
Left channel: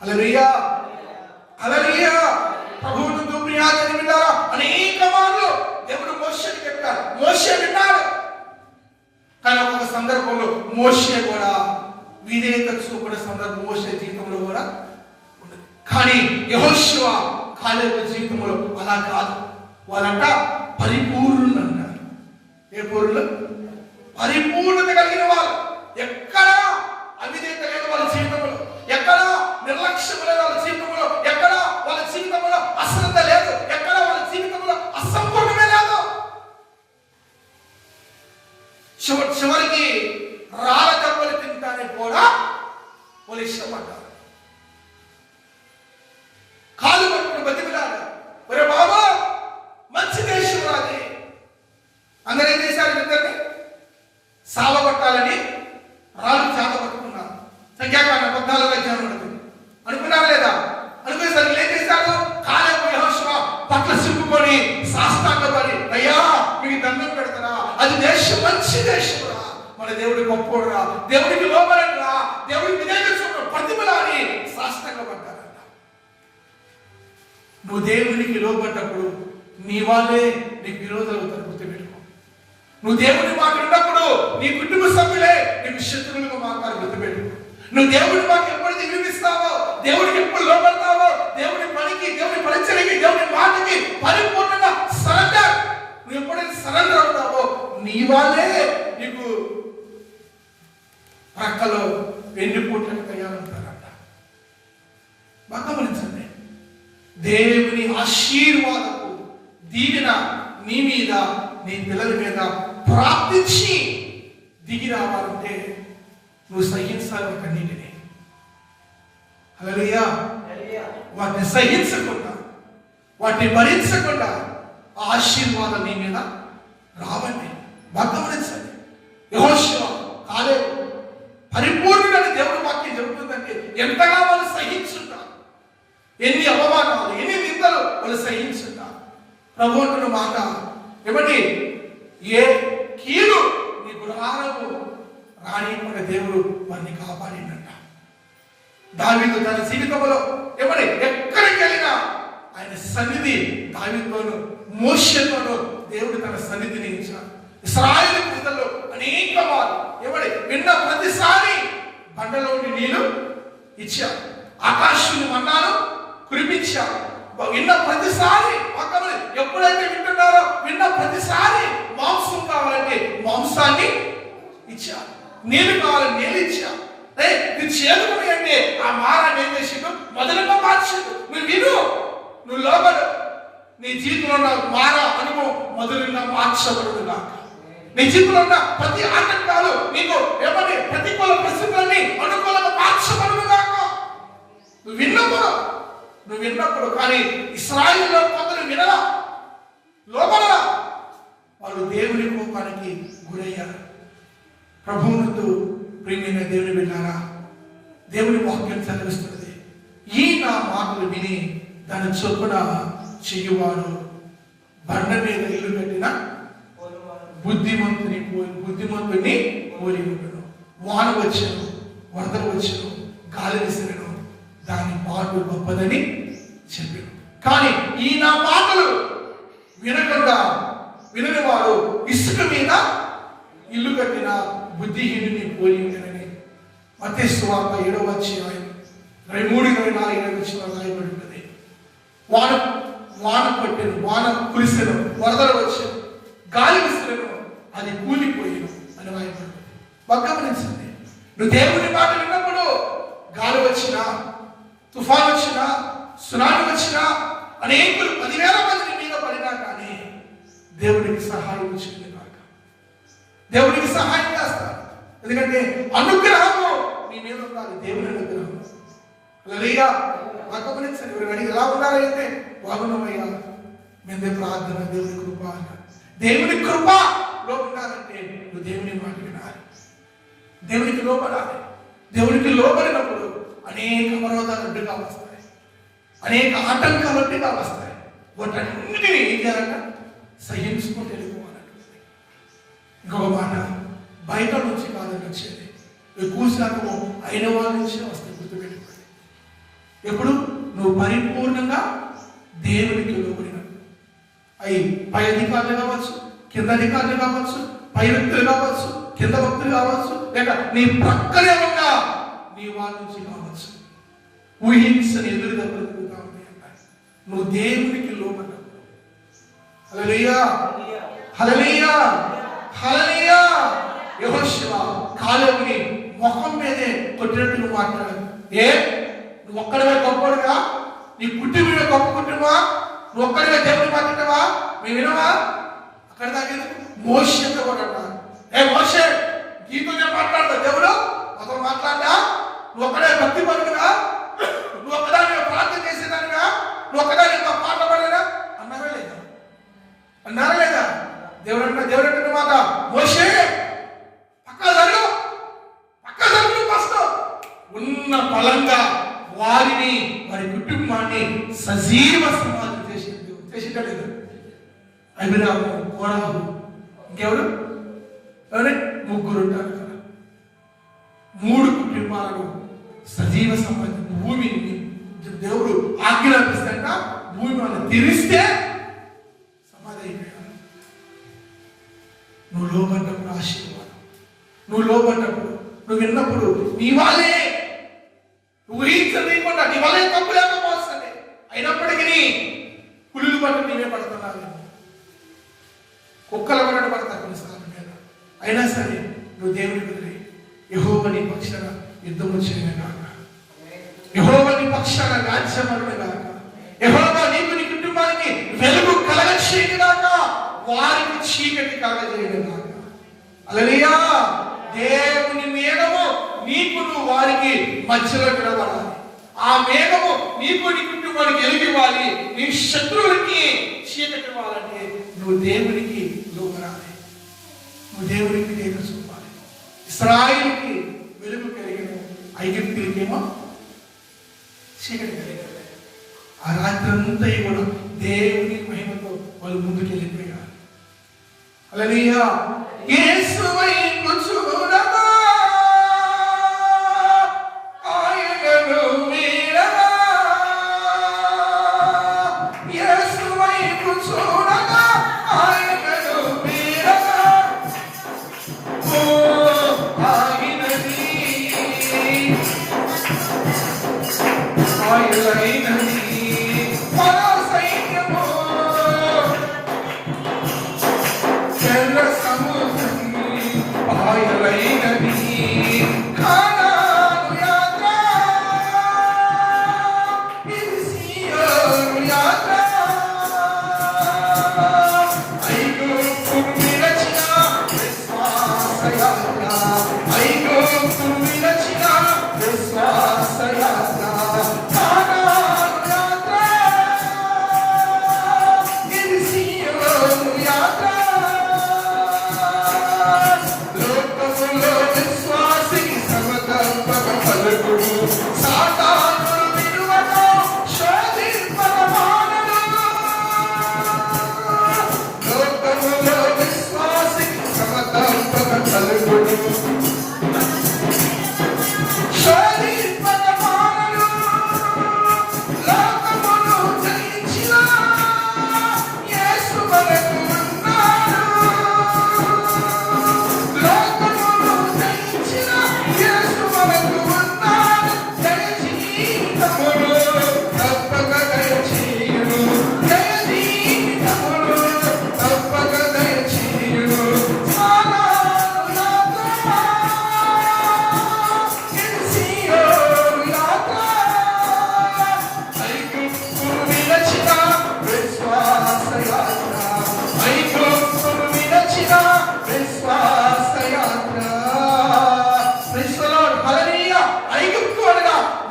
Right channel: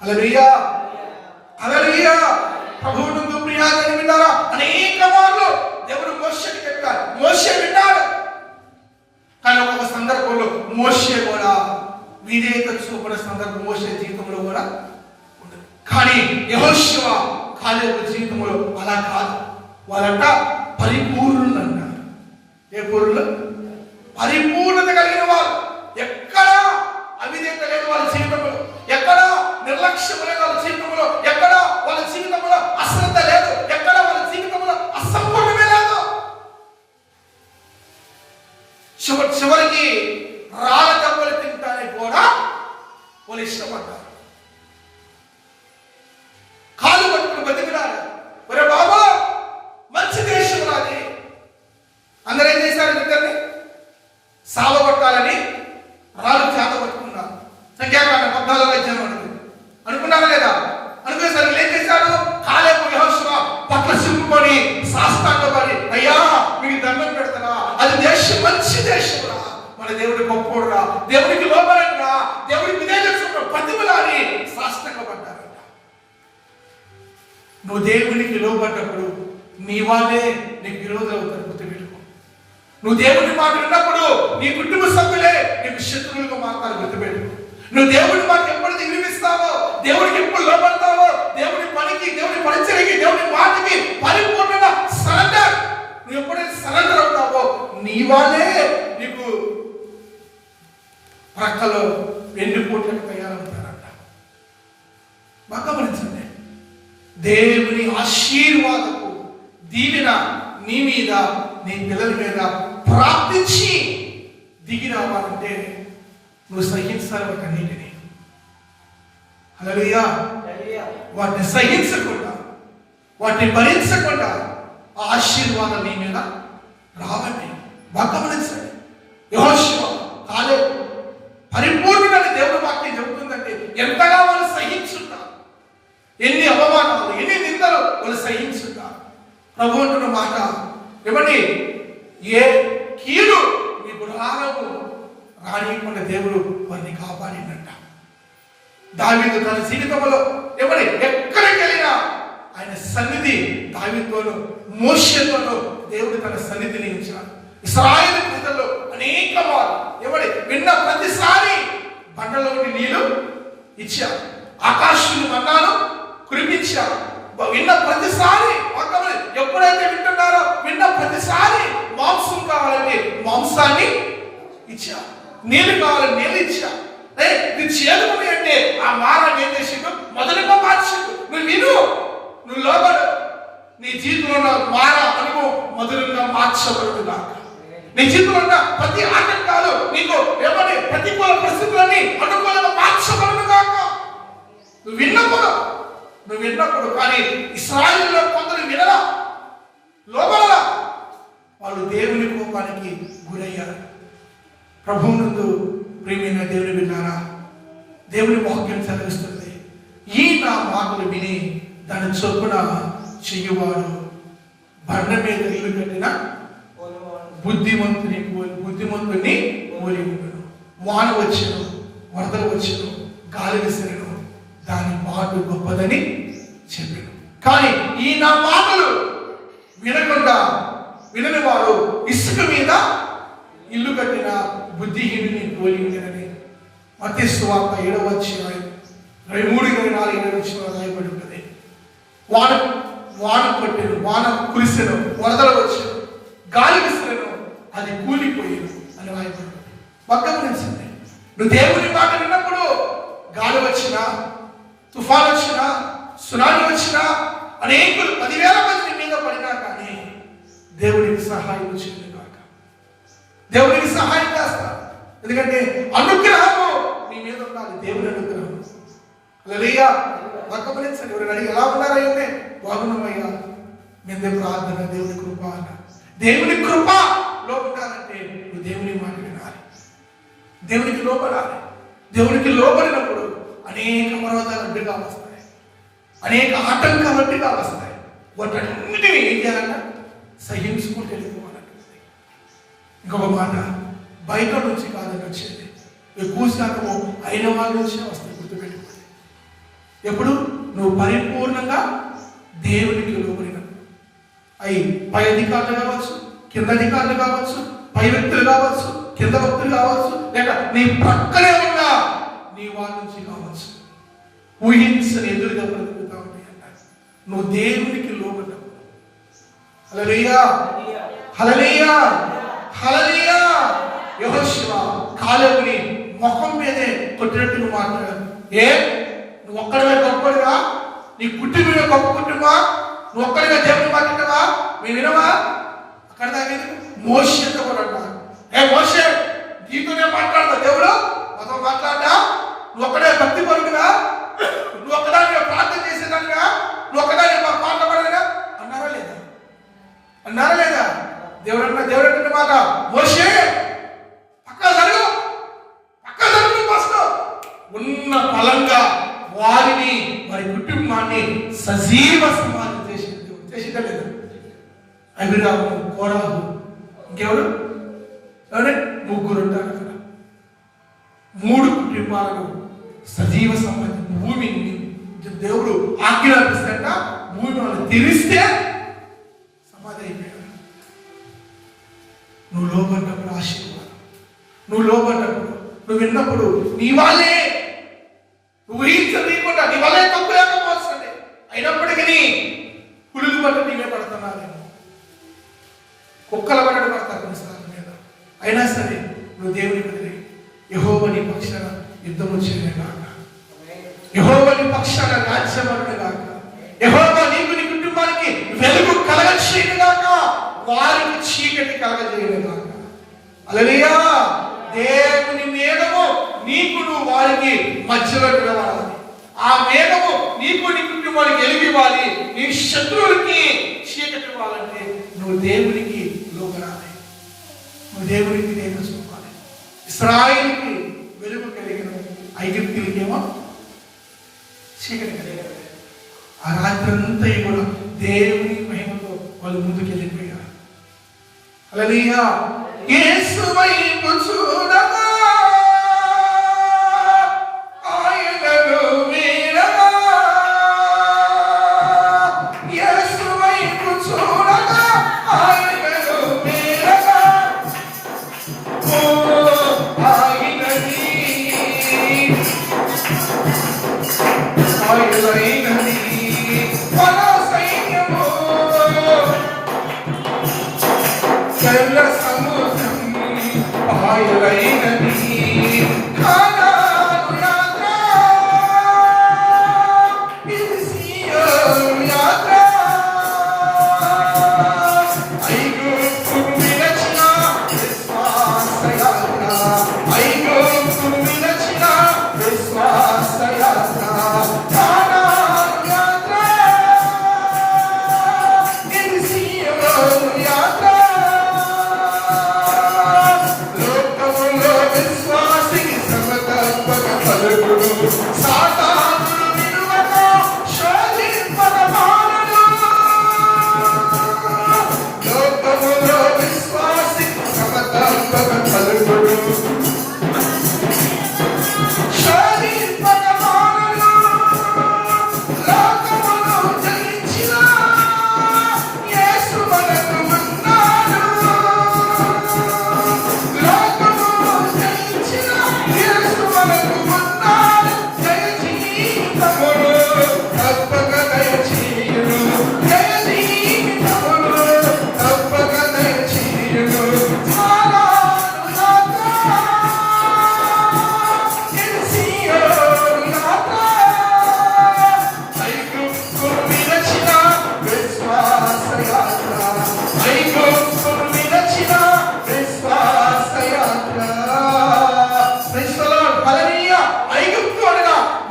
హల్లెలూయా, హల్లెలూయా. ప్రభువును ప్రియాజని విన్నారా? అనేక మార్లు దేవుడు మోషేకి చెప్పారు, మోషే విన్నాడు. కానీ ఒక సందర్భంలో మోషే కూడా విధేయత చూపడే సందర్భం మోషే జీవితంలో కూడా ఉండదు. కానీ యెహోషువ కాలేబు జీవితంలో అలా కాదు. వాళ్ళంట పరిపూర్ణులు అంటారు. ఏ పూర్ణులు? పరిపూర్ణత కలిగిన వాళ్ళు. ఎక్కడ అవిధేయత లేదు వాళ్ళ జీవితంలో, ఎక్కడ నిర్లక్ష్యం లేదు వాళ్ళ జీవితంలో, ఎక్కడ వాళ్ళ జీవితంలో అశ్రద్ధ లేదు, ఎక్కడ వాళ్ళ జీవితంలో అసంపూర్ణమే లేదు. చివరికి రాళ్ళ దెబ్బలు తింటానికి కూడా వాళ్ళు ఇష్టపడ్డారు. కాలు పట్టుకుని బతికినారు. ఒరే బాబా, మంచి దేశం రాది. అందరూ ఏం చేశారు? ఇద్దరిని సావగొట్టాలని రాళ్ళు చేత పట్టుకున్నారు. సంఖ్యాకాండం 14 అనుకున్నారా లేదా? అనుకునేసరికి ఏం చేశాడు? కాలేబు యెహోషువ పట్ల సింపుకొని సాష్టాంగపడి, అయ్యా మీకు దండం పెడతారా, అది దేశం మంచి దేశం రా, మన దేవుడి గొప్పోడు రా, దేవుడికి లోబడండి రా, దేవుడికి విధేయత చూపడం పద్యములని సాష్టాంగపడ్డారంట. నువ్వు దేవునికి లోబడ్డప్పుడు నీ వాళ్ళే నీకు విరోధులు అవుతారు. గుర్తుపెట్టుకో. నువ్వు దేవుని మాట ఉన్నప్పుడు నీ కుటుంబ సభ్యులే నీకు శత్రువులుగా మారుతారు. గుర్తుపెట్టుకో. నువ్వు దేవుడి మాట ఎప్పుడైతే వినిపిస్తావో, దేవుడికి ఎప్పుడు లోబడతావో, దేవుడి పనికి, దేవుడి పరిచయకి, దేవుడి మాటకి పరిపూర్ణంగా సరెండర్, నువ్వు ఎప్పుడైతే సరెండర్ అవుతావో నీ వాళ్ళే నీకు ప్రక్కలో 2 కోట్లకు తయారవుతారంట. బాగా గమనించండి. దేవుని ఆశీర్వాదపు దీవెన నీ మీద, నీ పిల్లల మీద ప్రార్థించి దిగి రావాలంటే నువ్వు సహించాలి వాటన్నిటిని. హల్లెలూయా. వాటిని సహించకుండా, వాటిని భరించకుండా ఆశీర్వాదం నీ మీద రావండి. బాగా గమనించండి. యెహోషువ కాలేబు పరిపూర్ణుడని దేవుడి వాక్యం చెబుతుందంటే ఎంతగా వాళ్ళు సహించుంటారు. ఎన్ని అవమానాలు, ఎన్ని నిందలు వాళ్ళు సహించుంటారు. ప్రభు అంటున్న మాట ఏమండి? ఏ కీడు నీ గుడారము రానియకుండా దేవుడు వారిని కాపాడినట్ట. దావీదు తన జీవితంలో ఏమని ఎక్కడికి వెళ్ళినా ఆయన సన్నిధి దావీదుతోను మోషేతోను దేవుడు తన సన్నిధిని ఇచ్చాడు. ఇశ్రాయేలు ప్రజల్లో అనేక వారు ఏమని విన్న ప్రతిసారి బండలోని నీళ్లు ఇచ్చారు, ఆకాశుని మన్నాను కురిపించారు. విన్న ప్రతిసారి ఎప్పుడైతే వింటున్నారో విన్న ప్రతిసారి మాంసం కావాలంటే మాంసాన్ని ఇచ్చారు, నీళ్ళు కావాలని నీళ్ళు ఇచ్చారు. నీ చేతులు అంటే ఆ మారాన్ని ఏం చేసిండు? మొదలుగా మార్చిండు. నువ్వు విను, నువ్వు లోబడు, నీ జీవితంలో ఉన్న మార అనుభవం మొదలుగా మార్చబడుగా. నీ జీవితంలో ఉన్న ప్రతి ఆటంకాలు నీకు ఏమని ప్రతికూల పరిస్థితులన్నీ అనుకూలంగా మార్చబడుగా. నువ్వు విన్నప్పుడు కానీ ఇశ్రాయేలులో కొందరు వినరా, లోబడరా, వాళ్ళు దేవుని కోపానికి గురయ్యారు. ప్రభువునందు ప్రియమైన దేవుని విన్నారా? దేవుని వాక్యం చదివిస్తున్నది, ఈ నా మాటలు విని దాని చొప్పున చెయ్యువాడు బండ మీద ఇల్లు కట్టిన బుద్ధిమంతుని పోలి ఉండను. వాన వచ్చెను, వరదలు వచ్చెను, గాలి విసిరెను, దాని పాటు గొప్పదని చెప్పాను. కానీ ఈ నా మాటలు వినకుండా వినని వారు ఇసుక మీద ఇల్లు కట్టిన బుద్ధిహీనుని పోలి ఉండనని మత్తయి సువార్త 7వ అధ్యాయం 23-24 రాయబడి ఉన్నది. వాన కొట్టెను, వాన కురిసెను, వరదలు వచ్చెను, గాలి విసిరెను, అది కూలిపోయేను అని రాయబడి ఉన్నది. గమనించండి, నువ్వు దేవుని మాట విన్నప్పుడు గాలి వచ్చినా, తుఫాన్ వచ్చినా, సునామీ వచ్చినా, అనేకులు 10,000 మంది నీ మీద పడినా కానీ దేవుడికి సహాయం వచ్చింది కాక దేవుడికి సహాయం చేస్తా. ఎందుకంటే అనుగ్రహము నీ మీద ఉండాలి, దేవుని అనుగ్రహం. హల్లెలూయా. గమనించండి, ఎవరు అడిగి ఎలా ఉన్నారైతే బాగున్నామయ్యా, మీద ప్రార్థన, దేవుని కృప అన్న. దేవుని కృపలో ఉండాలంటే నువ్వు దేవుని మాట వినాలి, దేవునికి లోబడాలి. దేవునికి లోబడినప్పుడు అనేక అవరోధాలు అడ్డుగా వస్తాయి, అనేక ఆటంకాలు అడ్డుగా వస్తాయి. వాటన్నిటిని ఏం చేయాలన్నా సహించుకుంటూ వెళ్ళిపోవాలంటుంది. ఇంకొక మాట, బయట నుంచి కాదని వచ్చేది, ఎక్కువ శాతము అయిన వాళ్ళ నుంచి వస్తాయి. గుర్తుపెట్టుకోండి, ఎప్పుడు నువ్వు పరిపూర్ణంగా దేవునికి లోబడినప్పుడు, అవి పై అధికారులు కావచ్చు, కింద అధికారులు కావచ్చు, పై వ్యక్తులు కావచ్చు, కింద వ్యక్తులు కావచ్చు, లేక నీ ప్రక్కనే ఉన్న నీ వాళ్ళ నుంచి కావచ్చు, ఊహించని ఎదురుగా బ్రతుకుతా ఉంటాయి అంటారు. నువ్వు దేవునికి లోబడ్డప్పుడు, హల్లెలూయా హల్లెలూయా హల్లెలూయా. యెహోషువ కాలేబుని ముఖం మీదే కొట్టినట్టు మాట్లాడారు. నువ్వు ఒక్కడివే గొప్పడుగా, నీ కుటుంబమే గొప్ప కుటుంబా, నువ్వు ఒక్కడివే దేవుని మాట్లాడవా, మేము వినవా? అక్కడ దాకా మోషేతో కూడా అన్నారు, మోషే నీతోనే మాట్లాడతా, దేవుడు మాతో మాట్లాడా, నువ్వు ఒక్కడే భక్తి పరుగునా, నువ్వు ఒక్కదాని ప్రార్థన చేసేదానిగా, నువ్వు ఒక్కదాని పాట పడలేదా అన్నారా లేదా? దేవుడు అంటే మాట, మోషే పక్క జరుగు ఫస్ట్ ఉన్న బలంగా వారిని, వారి కుటుంబాన్ని సజీవ సమాధి చేసిందా లేదు? అభిరాము, కోరాహు, ఇంకెవరు? ముగ్గురు ఉంటారు అక్కడ. 3 కుటుంబాలను సజీవ సమాధి, భూమిని దేవుడు ఆజ్ఞాపిస్తాక భూమి వాళ్ళని తెరిస్తే సమాధి అయిపోయాడు. నువ్వు లోబడ్డప్పుడు ఆశీర్వాదం, నువ్వు లోబడ్డప్పుడు, నువ్వు విన్నప్పుడు నీ వాళ్ళే, నువ్వు ఊహించకుండా నీ వల్లే తప్పు లేకపోతుంది. అయినప్పటికీ పులుగు పట్టు నీవే పడుతున్నావేమో, కుక్కల పడడం పడతా కొన్నిసార్లు మీద. అయినా సరే నువ్వు దేవుని వదిలే, యెహోవా నీ పక్షాన యుద్ధము చేయను గాక, యెహోవా నీ పక్షాన రాజ్యమను గాక, యెహోవా నీకు నీ కుటుంబానికి వెలుగు కలగచేయును గాక, వారికి చీకటి కలగజేయును గాక. హల్లెలూయా. దేవుని మేఘము నీకు నువ్వు వారికి మధ్యలో నిలబడాలి. ఆ మేఘము నీకు నీ కుటుంబానికి వెలిగివ్వాలి. నీ శత్రువులకి చీకటి ఇవ్వాలంటే నువ్వు దేవునికి లోబడాలి, నువ్వు దేవునికి దేవుని చూపాలి. ఇశ్రాయేలుకి వెలుగు కలిగిన ఐగుప్తులకేమో చీకటి కలిగిన. ఆ రాత్రంతా కూడా దేవుని మహిమతో వాళ్ళు ముందుకు వెళ్ళిపోయారు. హల్లెలూయా. యేసు వైపు చూడగా ఆయనను వీడగా, యేసు వైపు చూడగా ఆయనను వీడగా, ఓ ఆయనని ఆయనైనది మన సైన్యము, తెల్ల సముద్రం ఆయనైనది, కానాను యాత్ర, ఇది సీయోను యాత్ర, ఐగుప్తు విరచిన విశ్వాస యాత్ర, ఐగుప్తు విరచిన విశ్వాస యాత్ర, కానాను యాత్ర, ఇది సీయోను యాత్ర. లోకములో విశ్వాసికి సమతత్వక పలుకుడు, సాతాను విడువక శోధింపక మానడు. లోకములో విశ్వాసికి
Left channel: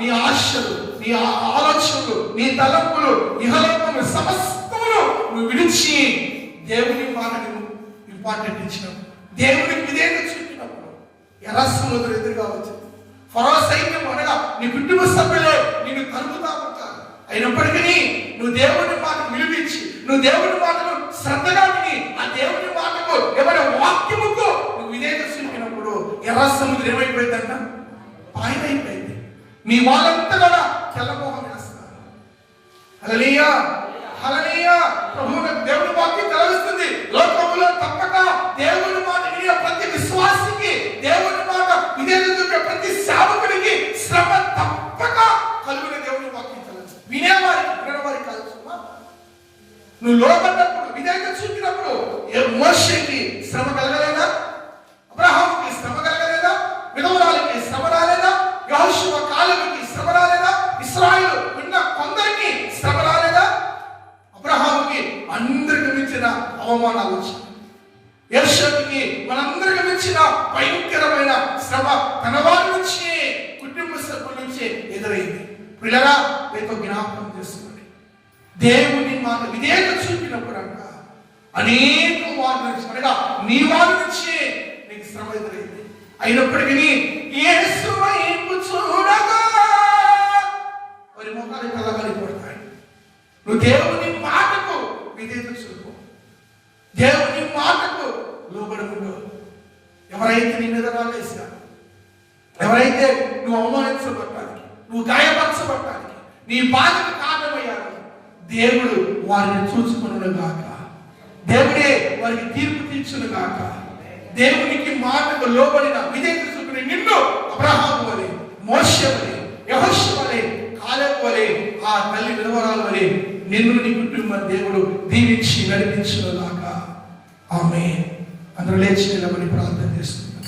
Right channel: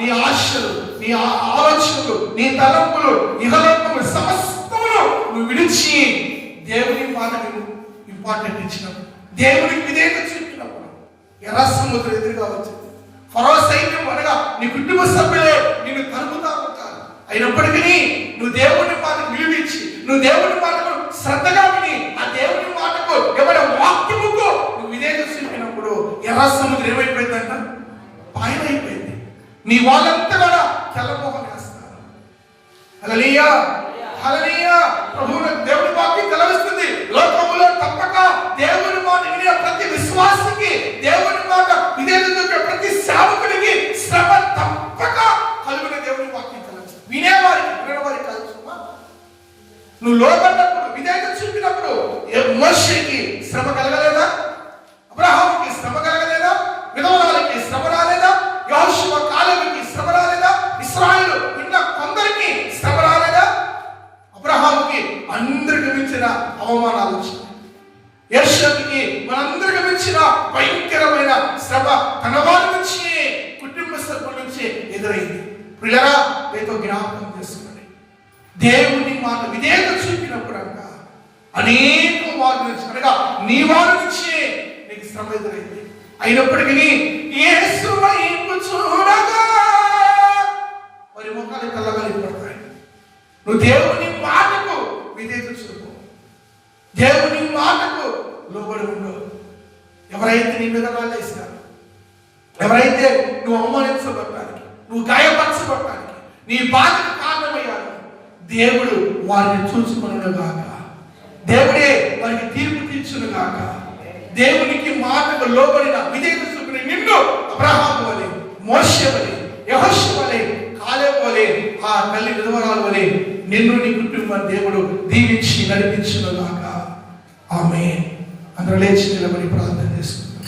నీ ఆశలు, నీ ఆలోచనలు, నీ తలంపులు, ఇహలోకము సమస్తమును నువ్వు విడిచి దేవుని మాటకు ఇంపార్టెంట్ ఇచ్చినప్పుడు, దేవునికి విధేయత చూపినప్పుడు ఎర్ర సముద్రం ఎదురుగా వచ్చింది. ఫరో సైన్యం అనగా నీ కుటుంబ సభ్యులే నిన్ను తరుముతా ఉంటారు. అయినప్పటికీ నువ్వు దేవుని మాటకు విలువించి, నువ్వు దేవుని మాటకు శ్రద్ధగా విని, ఆ దేవుని మాటకు ఎవరి వాక్యముకు నువ్వు విధేయత చూపినప్పుడు ఎర్ర సముద్రం ఏమైపోయిందంట? పాయన అయిపోయింది. నీ వాళ్ళంతా కూడా తెల్లమోహం వేస్తారు. హల్లెలూయా, హల్లెలూయా. ప్రభువుకు దేవుని వాక్యం తెలవిస్తుంది, లోకములో తప్పక దేవుని మాట వినే ప్రతి విశ్వాసికి, దేవుని మాట విధేయత చూపే ప్రతి సేవకుడికి శ్రమ తప్పక కలుగునే దేవుని వాక్యం తెలవిస్తుంది. వినేవారికి, వినేవారికి కాదు. నువ్వు లోబడినప్పుడు, విధేయత చూపినప్పుడు మోషేకి శ్రమ కలగలేదా? అబ్రహాముకి శ్రమ కలగలేదా? విధవరాలకి శ్రమ రాలేదా? యెహోషువ కాలేబుకి శ్రమ రాలేదా? ఇశ్రాయేలు ఉన్న కొందరికి శ్రమ రాలేదా? అబ్రహాముకి అందరికి మించిన అవమానాలు వచ్చినాయి. యోసేపుకి మనందరికి మించిన భయంకరమైన శ్రమ తన వారి నుంచి, కుటుంబ సభ్యుల నుంచి ఎదురైంది. పిల్లగా మీతో జ్ఞాపకం చేసుకోండి, దేవుని మాట విధేయత చూపినప్పుడు అంట అనేక వారి నుంచి, అనగా నీ వారి నుంచి నీకు శ్రమ ఎదురైంది. అయినప్పటికీ యేసు వైపు చూడగా వారి ముఖాలు కళ్ళగలిపడతాయి. నువ్వు దేవుని మాటకు విధేయత చూపు, దేవుని మాటకు లోబడి ఉండు. ఎవరైతే నీ మీద రాలేసినారు, ఎవరైతే నువ్వు అవమానించబడటానికి, నువ్వు గాయపరచబడటానికి, నీ బాధకు కారణమయ్యారు, దేవుడు వారిని చూసుకును గాక. దేవుడే వారికి తీర్పు తీర్చును గాక. దేవునికి మాటకు లోబడిన విధేయత చూపిన నిన్ను అబ్రహాము వలె, మోషే వలె, యెహోషువ వలె, కాలేబు వలె, ఆ తల్లి విధవరాలు వలె నిన్ను, నీ కుటుంబం దేవుడు దీవించి నడిపించును గాక. ఆమేన్. అందరూ లేచి నిలబడి ప్రార్థన చేసుకుందాం.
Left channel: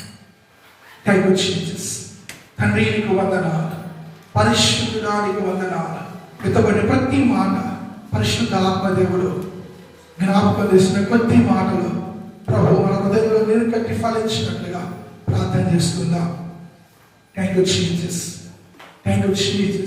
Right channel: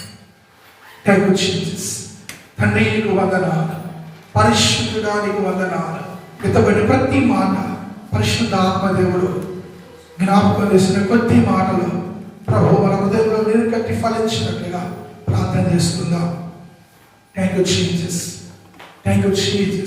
Thank you Jesus. తండ్రి నీకు వందనాలు, పరిశుద్ధుడా నీకు వందనాలు. పితబడి ప్రతి మాట పరిశుద్ధ ఆత్మదేవుడు జ్ఞాపకం చేసిన కొద్ది మాటలు ప్రభు మన హృదయంలో నీరు కట్టి ఫలించినట్లుగా ప్రార్థన చేసుకుందాం. Thank you Jesus. Thank you Jesus.